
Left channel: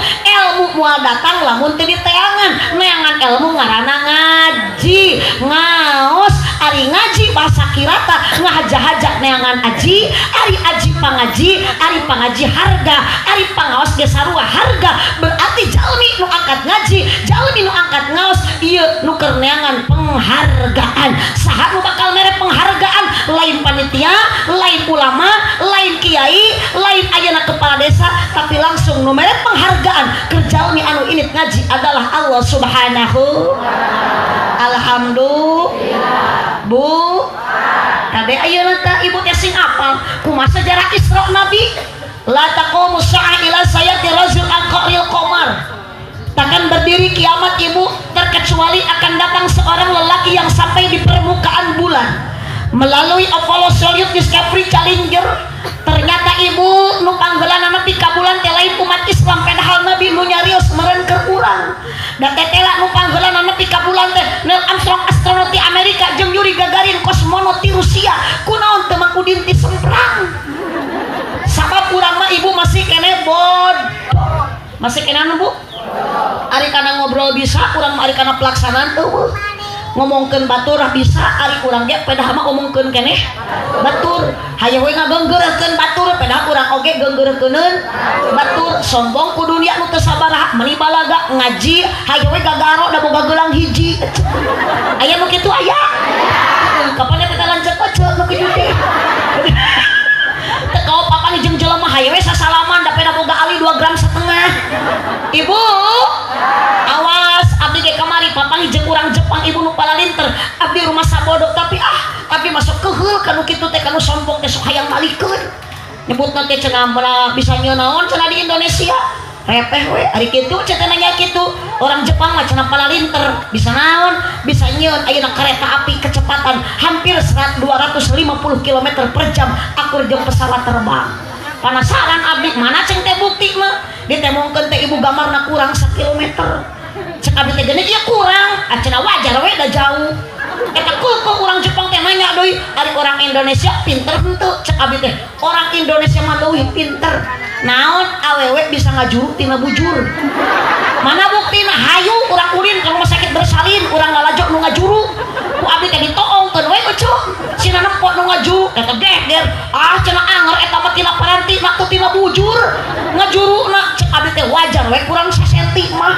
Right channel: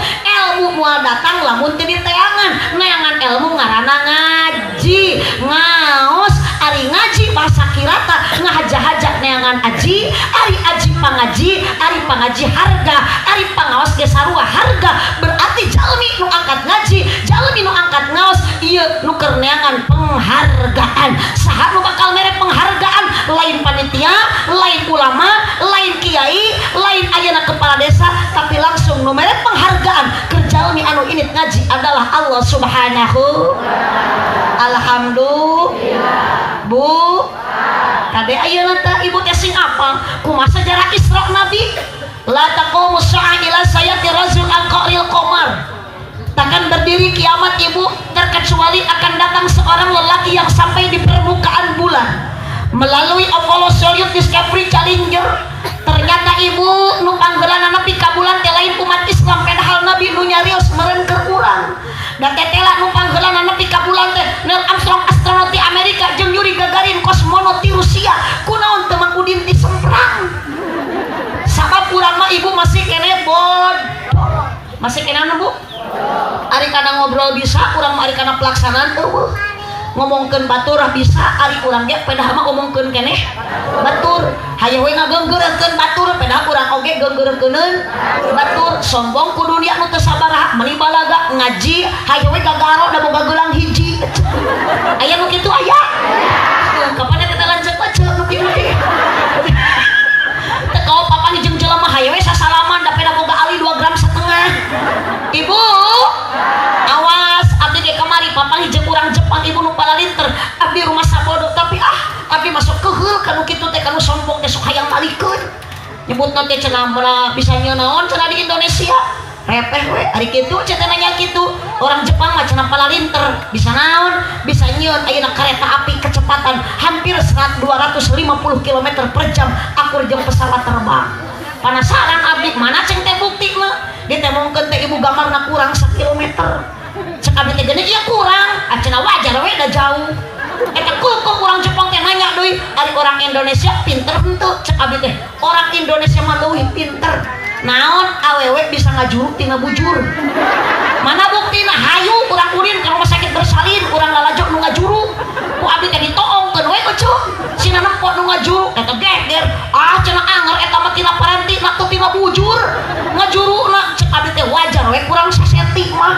moal datang lamun teu diteangan neangan ilmu ngaranna ngaji ngaos ari ngaji bahasa kirata ngahaja-haja neangan aji ari aji pangaji harga ari pangaos ge sarua harga berarti jalmi nu angkat ngaji jalmi nu angkat ngaos ieu nu keur neangan penghargaan saha nu bakal mere penghargaan lain panitia lain ulama lain kiai lain ayeuna kepala desa tapi langsung nu mere penghargaan keur jalmi anu init ngaji adalah Allah Subhanahu. Alhamdulillah. Bu kade ayeuna teh ibu teh sing apal kumaha sejarah Isra Nabi la taqumu sa'a ila sayati rajul al-qaril qamar takkan berdiri kiamat ibu terkecuali akan datang seorang lelaki yang sampai di permukaan bulan melalui Apollo Soyuz Discovery Challenger. Ternyata ibu nu panggeulana nepi ka bulan teh lain umat Islam padahal Nabi nu nyarios meureun keur urang. Da tetela nu panggeulana nepi ka bulan teh Neil Armstrong astronaut di Amerika jeung Yuri Gagarin kosmonaut di Rusia. Kunaon teu mangkudin ti semprang. Sabab urang mah ibu masih kene bodoh. Masih kene anu Bu? Ari kana ngobrol bisa, urang mah ari kana pelaksanaan eueuh. Ngomongkeun batur bisa ari urang ge pedah mah ngomongkeun keneh batur hayu we ngageunggeurkeun batur pedah urang oge geunggeurkeuneun batur sombong ku dunia nu teu sabaraha meuli balaga ngaji hayu we gagaro da boga geulang hiji aya nu kitu aya kapan kita lanjut aja nu kitu teu kau papan jeung jelema hayu we sasalaman da peda boga ali 2,5 gram. Ibu awas abdi ge kamari papan jeung urang Jepang ibu nu palalinter abdi rumah sabodo tapi abdi masuk keheul kanu kitu teh kanu sombong teh sok hayang malikeun nyebutna teh cenah bisa nyeun naon cenah di Indonesia repeh we ari kitu cenah nanya kitu orang Jepang mah cenah palalinter bisa naon bisa nyieun ayeuna kereta api kecepatan hampir 250 km per jam akur jeung pesawat terbang penasaran abdi mana ceng teh bukti mah ditemongkeun teh ibu gamarna kurang 1 kilometer cek abdi teh geuning ieu kurang cenah wajar we da jauh eta kukuh orang Jepang teh nanya deui ari orang Indonesia pinter henteu cek abdi teh orang Indonesia mah leuwih pinter naon awewe bisa ngajuruk tina bujur mana buktina hayu urang ulin ka rumah sakit bersalin urang lalajok nu ngajuruk ku abdi teh ditoongkeun we becu sina nempo nu ngajuruk eta geger cenah anger eta mah tina paranti na teu tina bujur ngajurukna cek abdi teh wajar we kurang 1 senti mah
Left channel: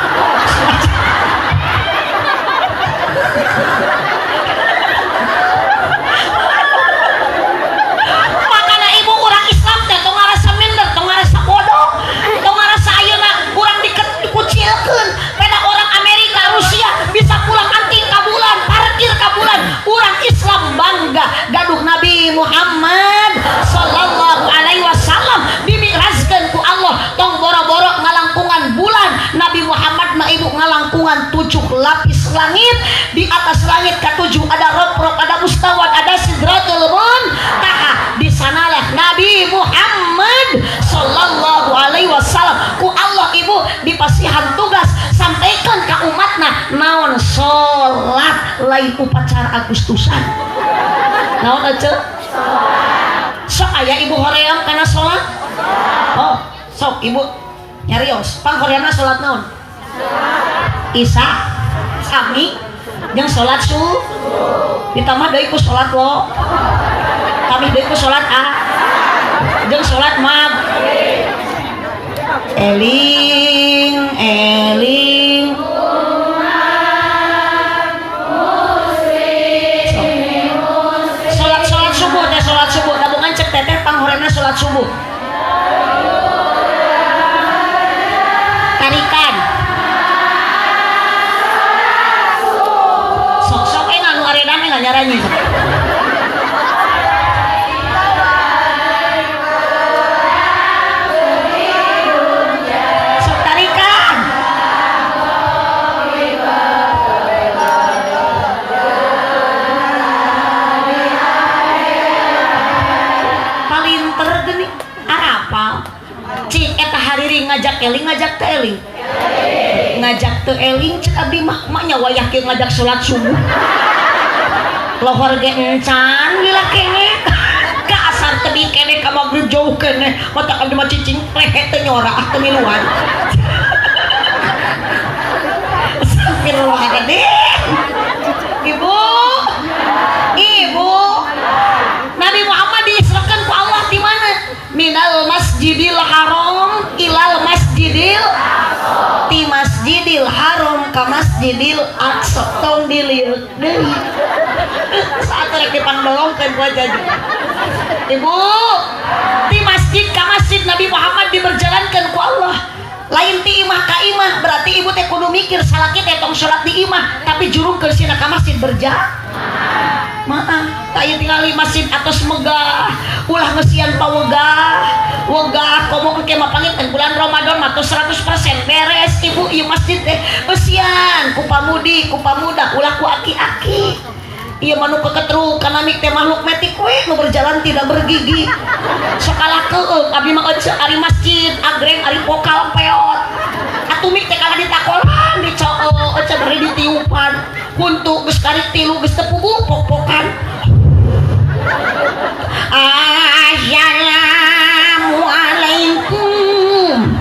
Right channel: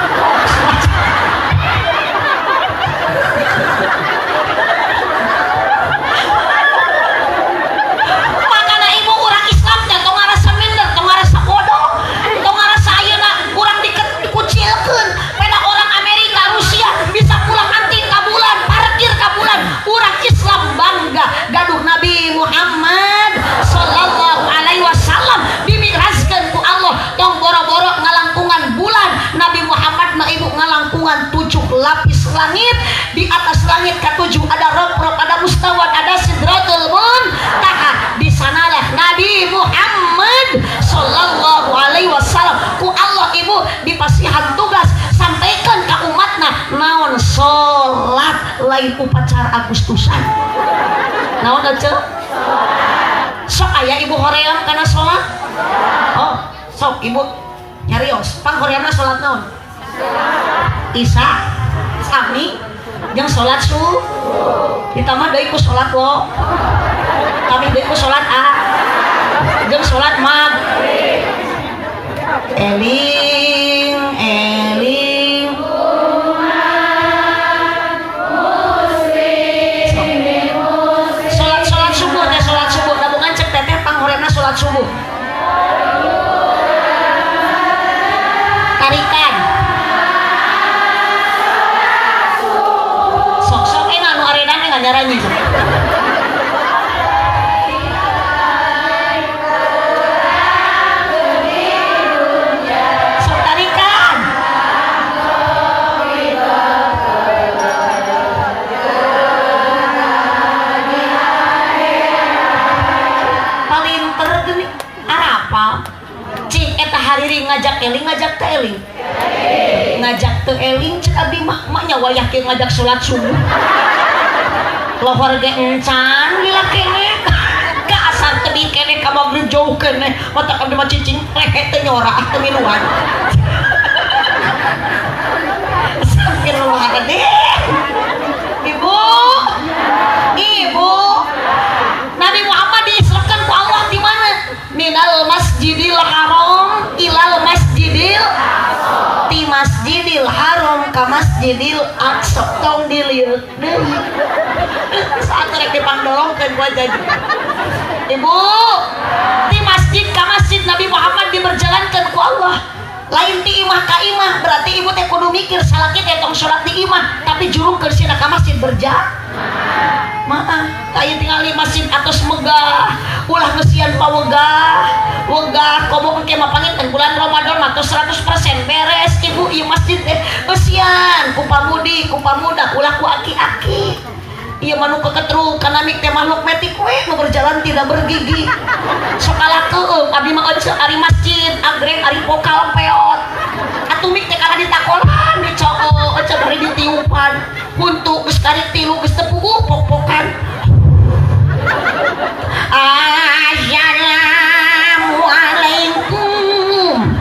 makana ibu urang Islam teh tong ngarasa minder tong ngarasa bodoh tong ngarasa ayeuna urang dikucilkeun peda orang Amerika Rusia bisa pulang anting ka bulan parkir ka bulan urang Islam bangga gaduh Nabi Muhammad sallallahu alaihi wasallam dimikrajkeun ku Allah tong boro-boro ngalangkungan bulan Nabi Muhammad mah ibu ngalangkungan 7 lapis langit di atas langit ke-7 ada rob-rob ada mustawat ada sidratul muntaha di sanalah Nabi Muhammad sallallahu alaihi wasallam ku Allah ibu dipasihan tugas sampaikan ke umatna naon salat lain upacara Agustusan naon aja sok aya ibu hoream kana salat oh sok ibu nyarios pang horeamna salat naon Isya sami jeung salat subuh ditambah deui ku salat lo kami deui ku salat jeung salat maghrib eling eling salat subuh teh salat subuh tabungan cek teteh panghoreamna salat subuh tarikan sok anu aredane ngajarannya sok tarikan palinter geuning arapal cik eta hariri ngajak eling ngajak teu eling ngajak teu eling cek abdi mah nyawa yakin ngajak salat subuh lohor ge encan lila kene ka asar teu kene ka magrib jauh kene mata abdi mah cicing lehe teu nyora teu miluan astagfirullahaladzim ibu Nabi Muhammad diisrakan ku Allah di mana minal masjidil haram ilal masjidil ti masjidil haram ka masjidil aqsa tong dilirik deui saat rek dipangdolongkeun gua jadi ibu ti masjid ka masjid Nabi Muhammad diberjalankan ku Allah lain ti imah ka imah berarti ibu teh kudu mikir salaki teh tong salat di imah tapi jurungkeun sina ka masjid berjamaah maaf kayak tinggali masjid atas megah ulah ngesian pawegah wegah komo ke mapangitan bulan Ramadan atau 100% beres ibu ieu masjid teh eusian ku pamudi ku pamuda ulah ku aki-aki ieu manu keketruk kana mik teh makhluk metik we nu berjalan tidak bergigi sakalah keung abdi mah ari masjid agreng ari pokal peot atuh mik teh kana ditakolan dicoo ece bari ditiupan untuk geus kari tilu geus teu puguh pok-pokan assalamualaikum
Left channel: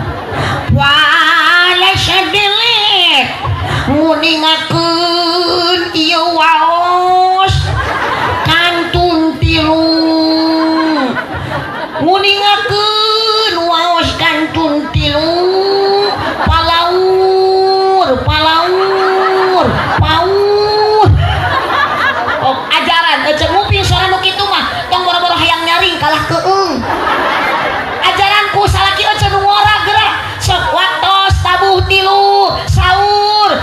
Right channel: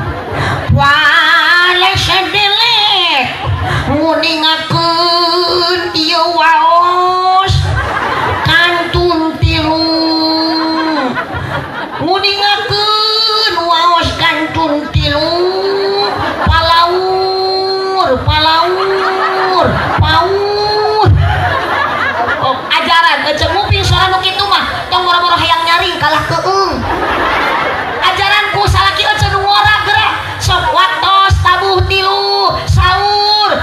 waalaikumsalam nguningakeun ieu waos kantun tilu nguningakeun waos kantun tilu palaur oh ajaran ece nguping suara nu kitu mah tong boro-boro hayang nyaring kalah keung ajaran ku salaki ece nu ngora geura sok waktos tabuh tilu sahur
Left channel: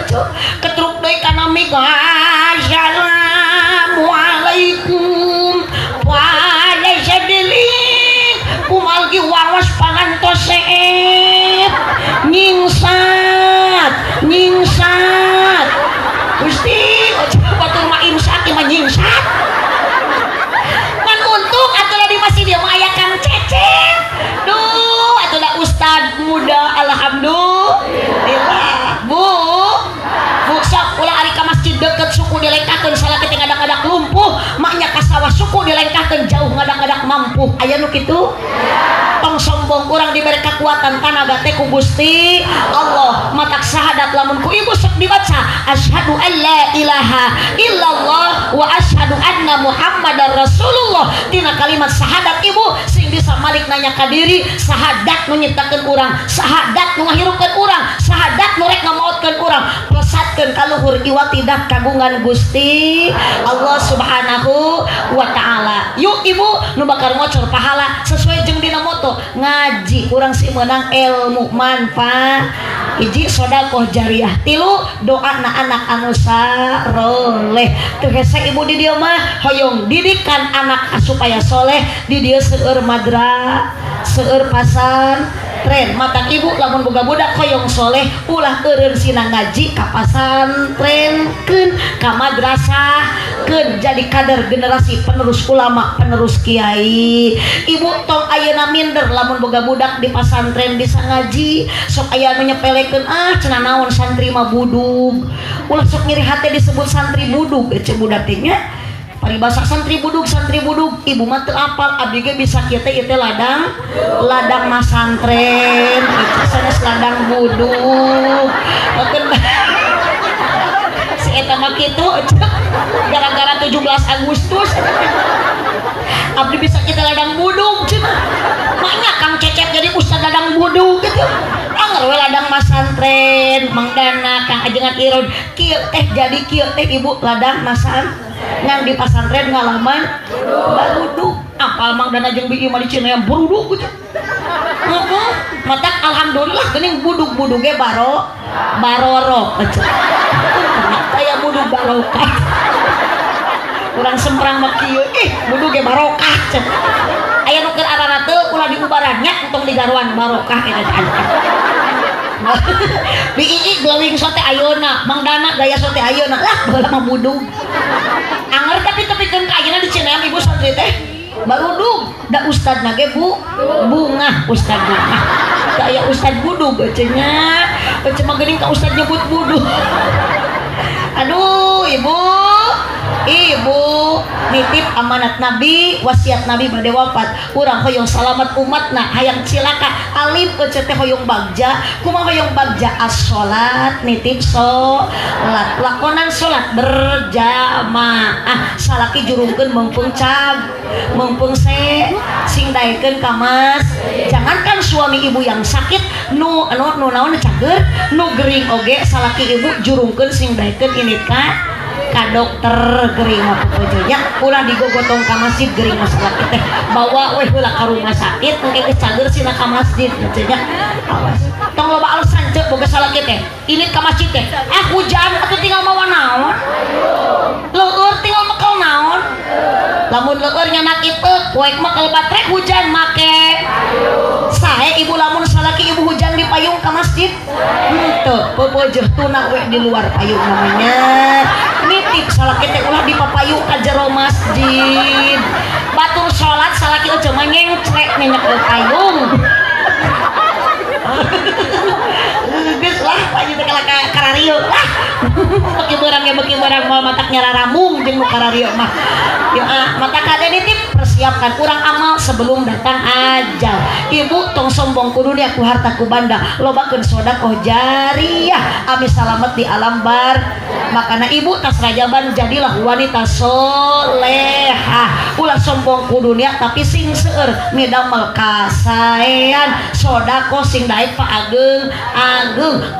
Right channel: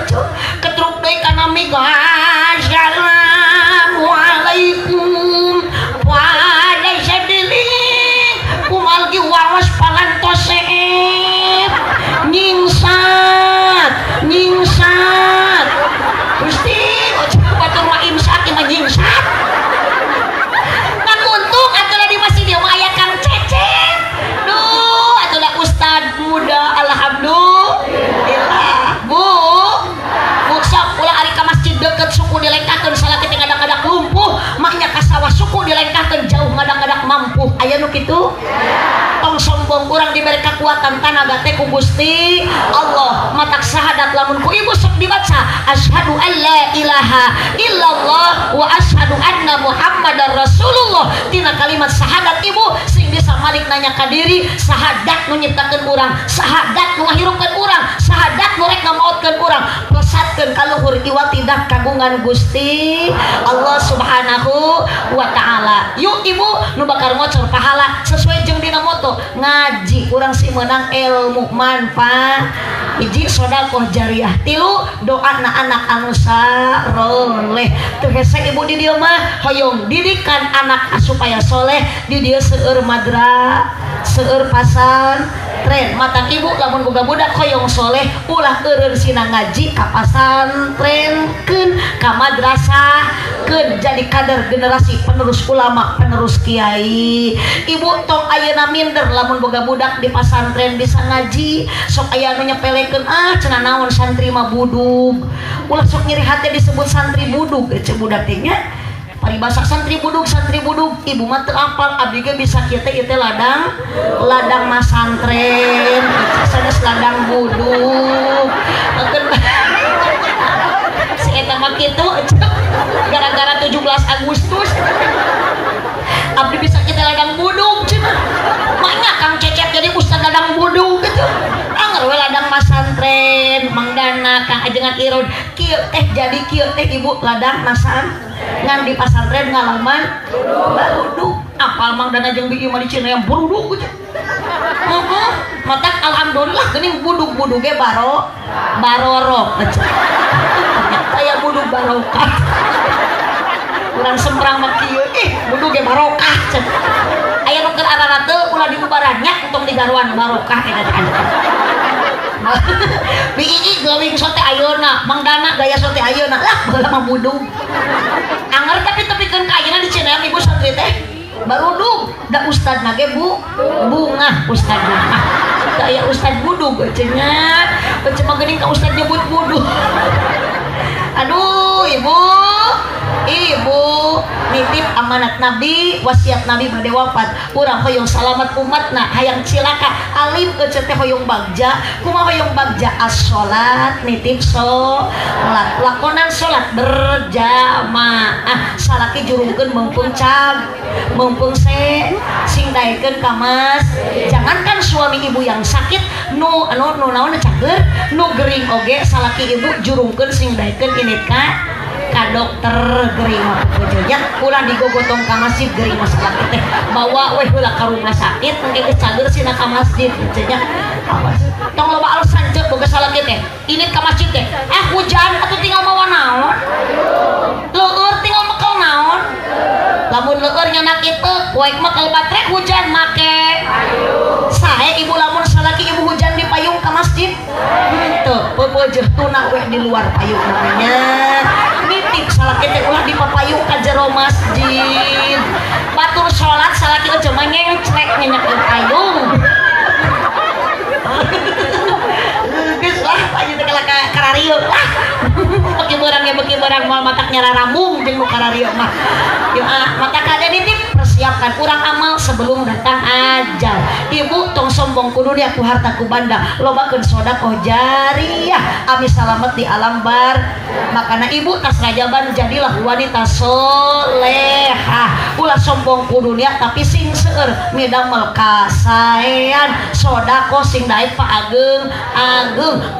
aja ketruk deui kana miga assalamualaikum wa sadili kumalgi waras pangantos seet nyingsat Gusti aja batur mah imsak mah nyingsat kan untung atuh di masjid dia mah aya Kang Cecep duh atuh ustad muda alhamdulillah bu sok ulah ari ka masjid deket suku dilengkakeun salaki teh ngadak-ngadak lumpuh maknya ka sawah suku dilengkakeun jauh ngadak-ngadak mampu aya nu kitu tong sombong urang diberi kekuatan tanaga teh ku Gusti Allah matak syahadat lamun ku ibu sok dibaca asyhadu an la ilaha illallah wa asyhadu anna muhammadar rasulullah tina kalimat syahadat ibu sing bisa malik nanya ka diri syahadat nu nyiptakeun urang syahadat nu ngahirupkeun urang syahadat nu rek ngamaotkeun urang plesatkeun ka luhur iwal tidak kagungan Gusti Allah subhanahu wa ta'ala yuk ibu nu bakal ngocor pahala sesuai jeung dina moto ngaji urang si menang ilmu manfaat hiji sedekah jariah tilu doa na anak anu saleh tegese ibu di dieu mah hoyong didikan anak supaya soleh di dieu seueur madrasah seueur pasantren matang ibu lamun boga budak hoyong soleh ulah eureun sina ngaji ka pasantrenkeun ka madrasahkeun jadi kader generasi penerus ulama penerus kiai ibu tong ayeuna minder lamun boga budak di pasantren bisa ngaji sok aya anu nyepelekeun cenah naon santri mah budug ulah sok ngiri hate disebut santri budug cek budak teh nya paribasa santri budug ibu mah teu apal abdi ge bisa kieu teh ladang masantren sanes ladang budug si eta mah kitu gara-gara 17 Agustus abdi bisa kita ladang budug cenah maknya Kang Cecep jadi ustad ladang budug gitu anger we ladang masantren mangdana Kang ajengan irod kieu teh jadi kieu teh ibu ladang masantren ngan di pasantren ngalaman baruduk apal mang dana jeung bieu mah di Cineum baruduk gitu matak alhamdulillah geuning budug-budug ge barorok aya budug barokah urang sembrang mah kieu budug ge barokah cek aya nu keur arana teu ulah diubaran nya tong digaruan barokah eta Bii glowing sote ayeuna, Mang Dana gaya sote ayeuna lah baheula mah budug. Anger tapi tepikeun ka ayeuna di Cineum ibu santri teh barudug. Da ustad na ge bunga ustad bunga. Da aya ustad budug cenah. Ece mah geuning ka ustad nyebut budug. Aduh ibu nitip amanat Nabi wasiat Nabi bade wafat urang hoyong salamat umatna hayang cilaka alim ece teh hoyong bagja kumaha hoyong bagja as-sholat nitip sholat lakonan sholat berjamaah salaki jurungkeun mumpung sing daekeun ka mas jangankan suami ibu yang sakit nu naon cager nu gering oge salaki ibu jurungkeun sing daekeun ini ka dokter gering mah pokoknya ulah digogotong ka masjid gering masalah teh bawa we heula ka rumah sakit mungkin geus cager sina ka masjid cenah awas tong loba alasan ceuk boga salaki teh ini ka masjid teh hujan atuh tinggal mawa naon leueur tinggal mekel naon lamun leueur nyana kitu poek mah kalau baterai hujan make sae ibu lamun salaki ibu hujan di payung ka masjid teu peupeujeuh tunang we di luar payung namanya nitip salaki teh ulah dipapayung ka jero masjid batur salat salaki aja mah nyengcrek nyenyek payung geus lah pagi teh kala karario lah beki beurang moal matak nyara ramung jeung nu karario mah matak ada nitip persiapkan kurang amal sebelum datang ajal ibu tong sombong kudu dia ku harta ku banda lobakeun sedekah jariah ami salamet di alam bar makana ibu tas rajaban jadilah wanita solehah ulah sombong ku dunia tapi sing seueur midamel kasaean sedekah sing daek paageng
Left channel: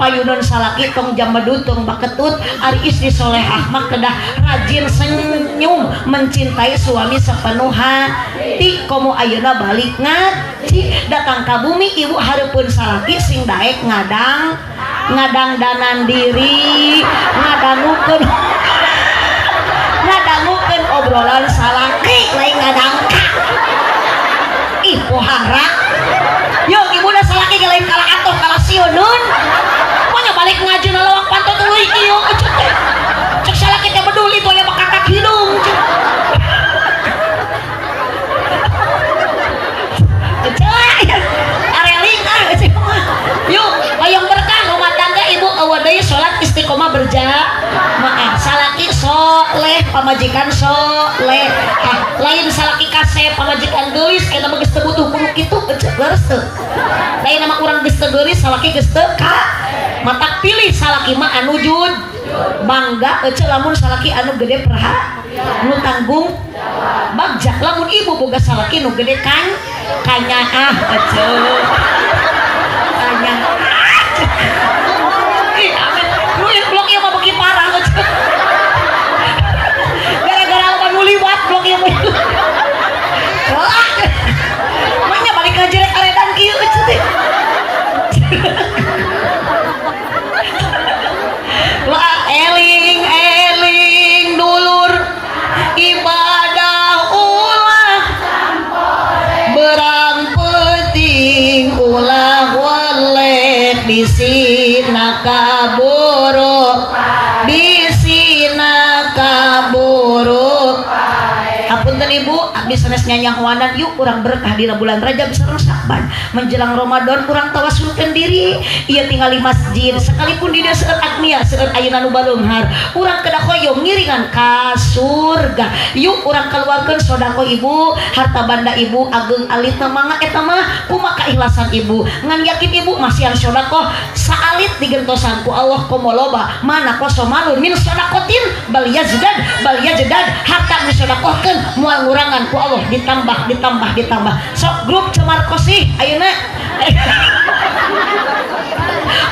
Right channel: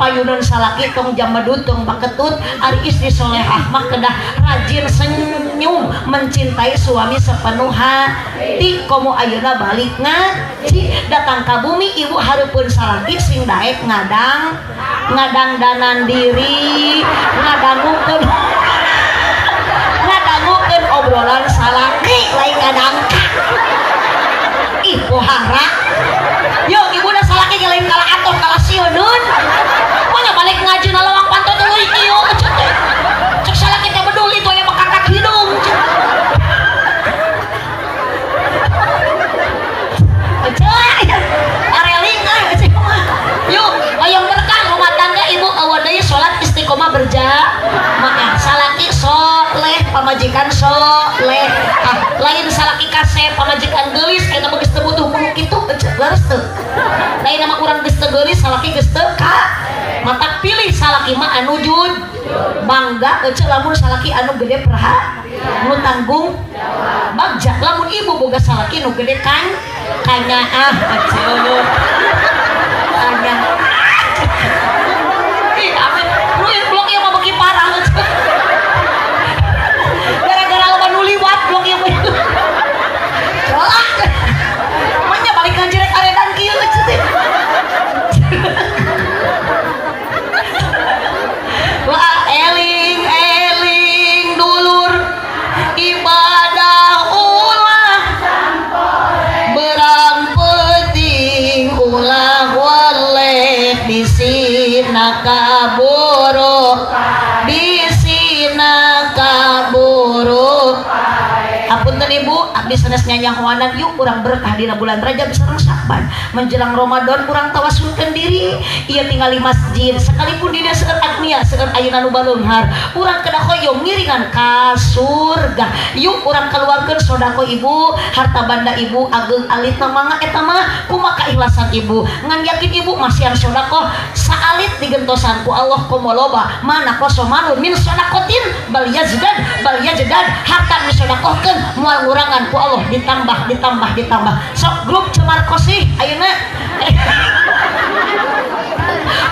payuneun salaki tong jambadut tong baketut ari istri solehah mah kedah rajin senyum mencintai suami sepenuh hati komo ayeuna balik ngaji datang ka bumi ibu hareupeun salaki sing daek ngadang ngadangdanan diri ngadangukeun obrolan salaki lain ngadangka ih pohara yuk ibu dah salaki lain kalah atuh kalah sioneun mana balik ngaji na lawang pantot tuluy kieu cek salaki teh peduli tuh aya bakangkat hidung areling yuk bayang berkah rumah tangga ibu awadai sholat istiqomah berjamaah salaki soleh pamajikan soleh lain salaki kasep pamajikan gelis eta mah geus teu butuh kudu kitu geus teu lain nama urang geus teu geulis salaki geus teu ka matak pilih salaki mah anu jujur bangga lamun salaki anu gede praha nu tanggung bagja lamun ibu boga salaki nu gede kan kanyaah kanyaah ih amin lu blok ieu mah beuki parah gara-gara loba nu liwat blok ieu manya balik ka jeret aredan kieu wah eling dulur ibadah ulah berang penting ulah waleh bisina kaburu Hapunten ibu abdi sanes nyanyang wanan yuk urang berkah dina bulan Rajab sareng Sya'ban menjelang Ramadan urang tawasulkeun diri ieu tinggal di masjid sekalipun di seueur agnia seueur ayeuna nu baleunghar urang kedah hoyong ngiringan ka surga yuk urang kaluarkeun sodako ibu harta banda ibu ageung alitna mangga eta mah kumaha kaikhlasan ibu ngan yakin ibu masihan sodako saalit digentosan ku Allah komo loba mana kosomanun min sodakotin bal yazdad harta disodakohkeun moal ngurangan ku Allah ditambah sok grup cemar kosi ayeuna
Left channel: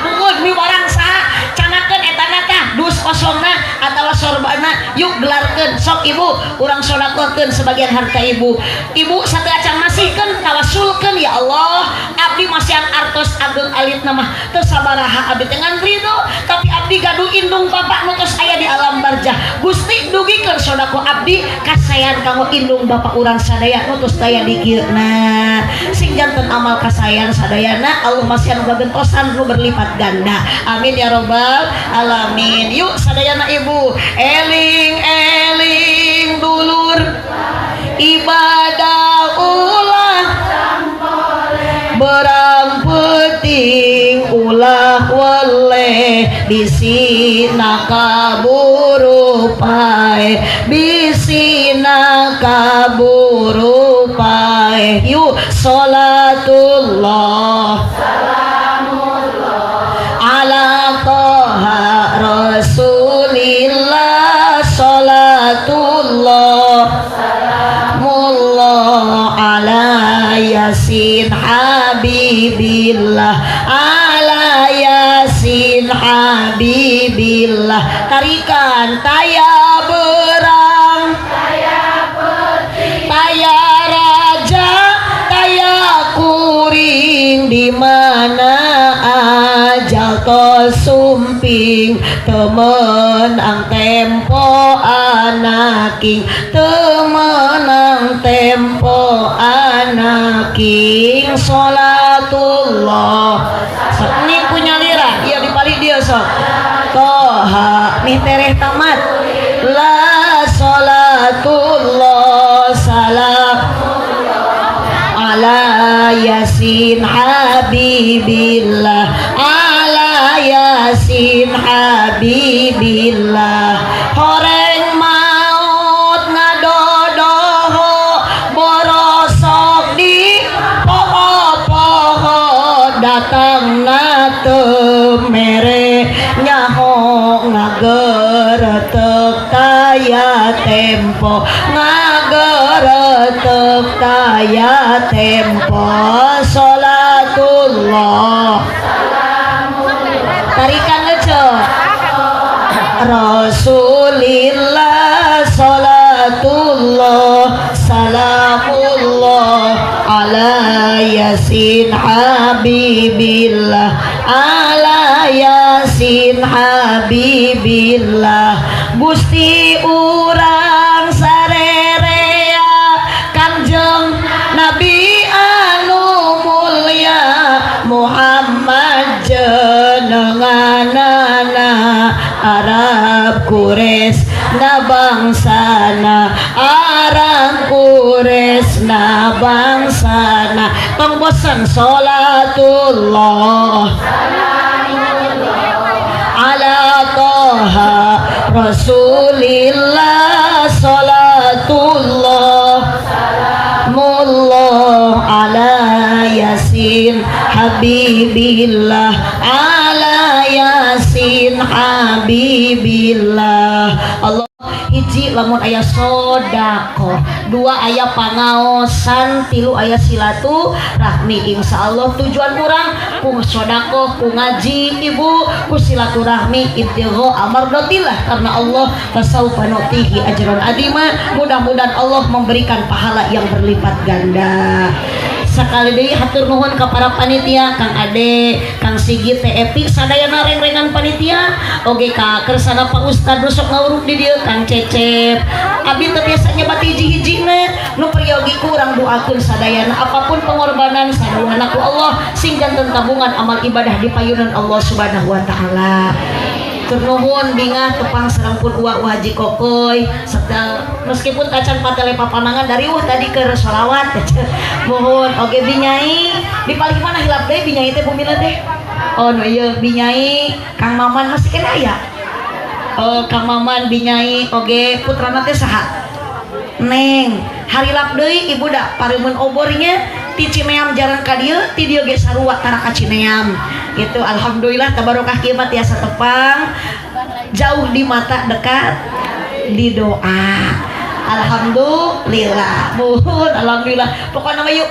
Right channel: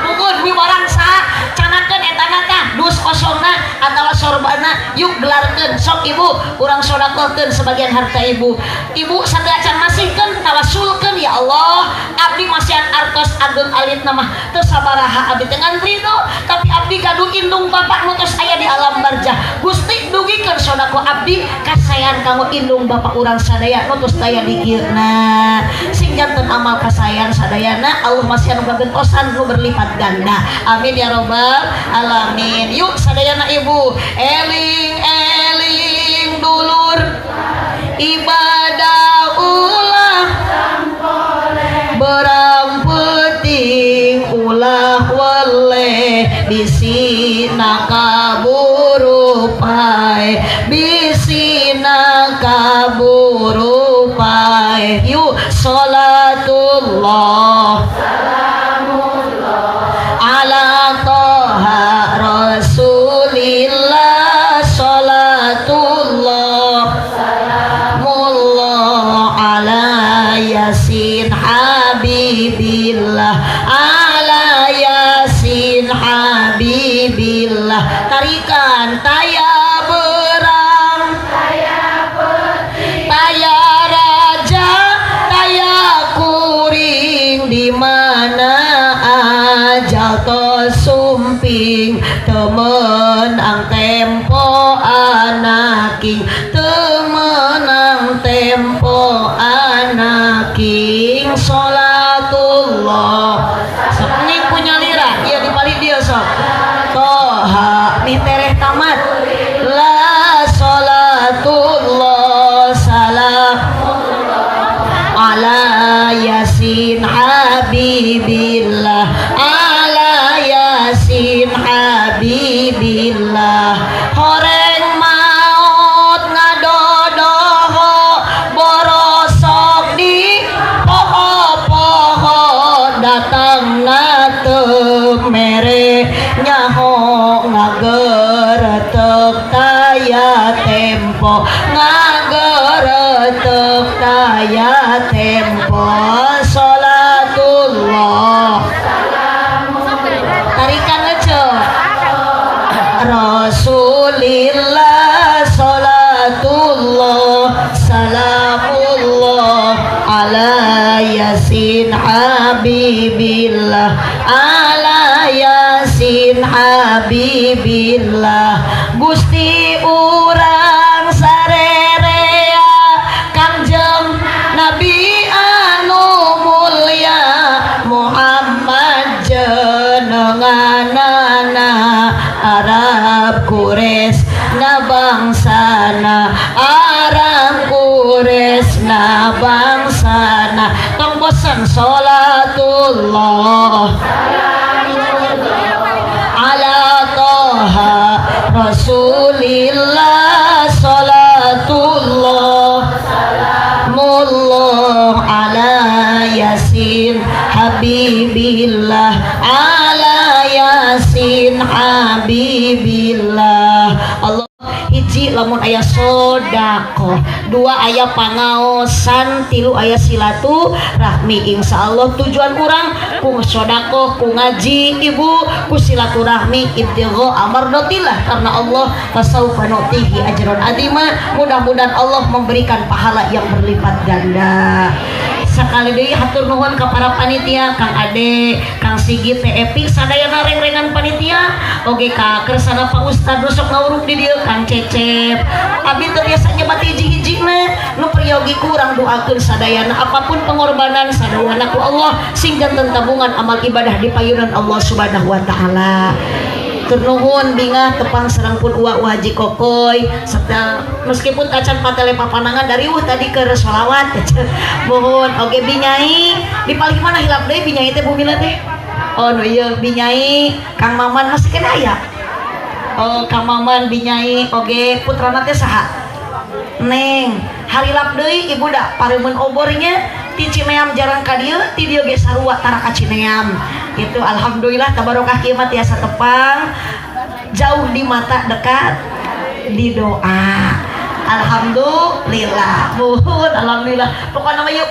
mungkin mi barang sa canakeun etana tah dus kosongna atawa sorbana yuk gelarkeun sok ibu urang sodakohkeun sebagian harta ibu sateu acan masihkeun tawasulkeun ya Allah abdi masihan artos ageung alitna mah teu sabaraha abdi teh ngan ridho tapi abdi gaduh indung bapak nu tos aya di alam barzah Gusti dugikeun sodako abdi kasayan kanggo indung bapak urang sadaya nu tos daya di kieu nah sing janten amal kasayan sadayana Allah masihan gagentosan nu berlipat ganda amin ya robbal alamin yuk sadayana ibu eling dulur ibadah ulah berang penting ulah waleh bisina kaburu pae yuk sholatullah ala toha rasulillah sholatullah mullah ala yasin habibillah ala yasin habibillah tarikan taya berang taya raja taya kuring di mana ajal to sumping temenang tempo anaking temenang tempo anaking sholatullah sok nih punya lira dia dipali dia sok toha nih tereh tamat la sholatullah salam ala yasin habibillah ala yasin habibillah horeng maut ngadodoho borosok di poho-poho datang mere nyaho ngageretek kaya tempo ngageretek kaya tempo sholatullah tarikan aja Rasulillah sholatullah salamullah ala yasin habibillah ala yasin habibillah Gusti urang sarerea Kangjeng Nabi anu mulya Muhammad jenenganana Arab Quraisy na bangsana Arab Quraisy na bangsana pangbosan salatullah ala toha rasulillah salatullah mullah ala yasin habibillah ala yasin habibillah Allah hiji lamun aya sodako dua aya pangaosan tilu aya silaturahmi insyaallah tujuan kurang ku sodako ku ngaji ibu ku silaturahmi ibtigha amardatillah karena Allah fasaufa nutihi ajran adima mudah-mudahan Allah memberikan pahala yang berlipat ganda sekali deui hatur nuhun ka para panitia Kang Ade Kang Sigit teh epi sadayana reng-rengan panitia oge ka kersana Pak Ustad nu sok ngawuruk di dieu Kang Cecep abdi teh biasa nyebat hiji-hiji mah nu priyogi kurang doakeun sadayana apapun pengorbanan sadayana ku Allah sing janten tabungan amal ibadah di payunan Allah Subhanahu wa taala Ternuhun bingah tepang serangkul uak Haji Kokoy meskipun kacan patele papanangan dari tadi ke sholawat mohon oke binyai di paling mana hilap deh binyai teh bumila teh oh no iya binyai Kang Maman masih kena ya oh Kang Maman binyai oke putrana teh saha Neng hari lap deui ibu dak paremun obornya ti Cineam jarang ka dieu ti dieu ge sarua tara ka Cineam gitu alhamdulillah tabarokah kieu mah tiasa tepang jauh di mata dekat di doa alhamdulillah mohon alhamdulillah pokoknya mah yuk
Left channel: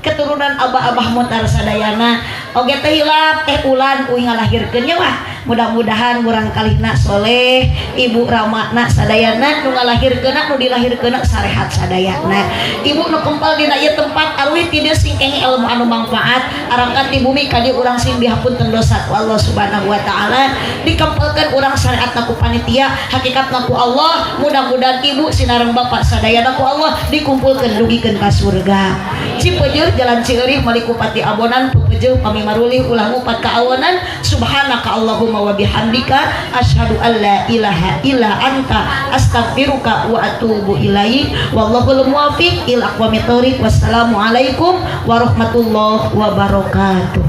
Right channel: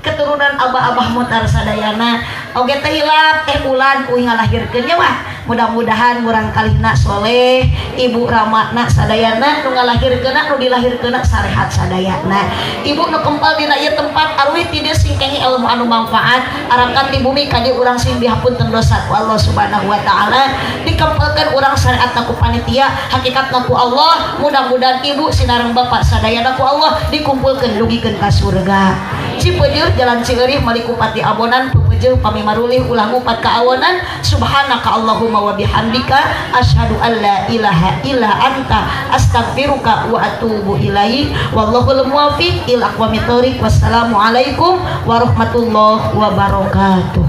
keturunan abah-abah mutar sadayana oge teh hilap teh ulan uing ngalahirkeun nya wah mudah-mudahan murang kalihna soleh ibu ramakna sadayana nu ngalahirkeunna nu dilahirkeunna sarehat sadayana ibu nu kempal dina ieu tempat arwih ti dieu singkengi ilmu anu manfaat arangkan di bumi ka dieu urang sing dihapunten dosa ku Allah Subhanahu wa taala dikempelkeun urang sareatna ku panitia hakikatna ku Allah mudah-mudahan ibu sinareng bapak sadayana ku Allah dikumpulkeun dugikeun ka surga Cipeujeuh jalan Cieureih Malikupati Abonan Pupeujeung pami marulih ulah ngupat ka awonan subhanaka Allahumma wa bihamdika asyhadu an la ilaha illa anta astaghfiruka wa atubu ilaik wallahul muwaffiq ila aqwamit thoriq wassalamu alaikum warahmatullahi wabarakatuh.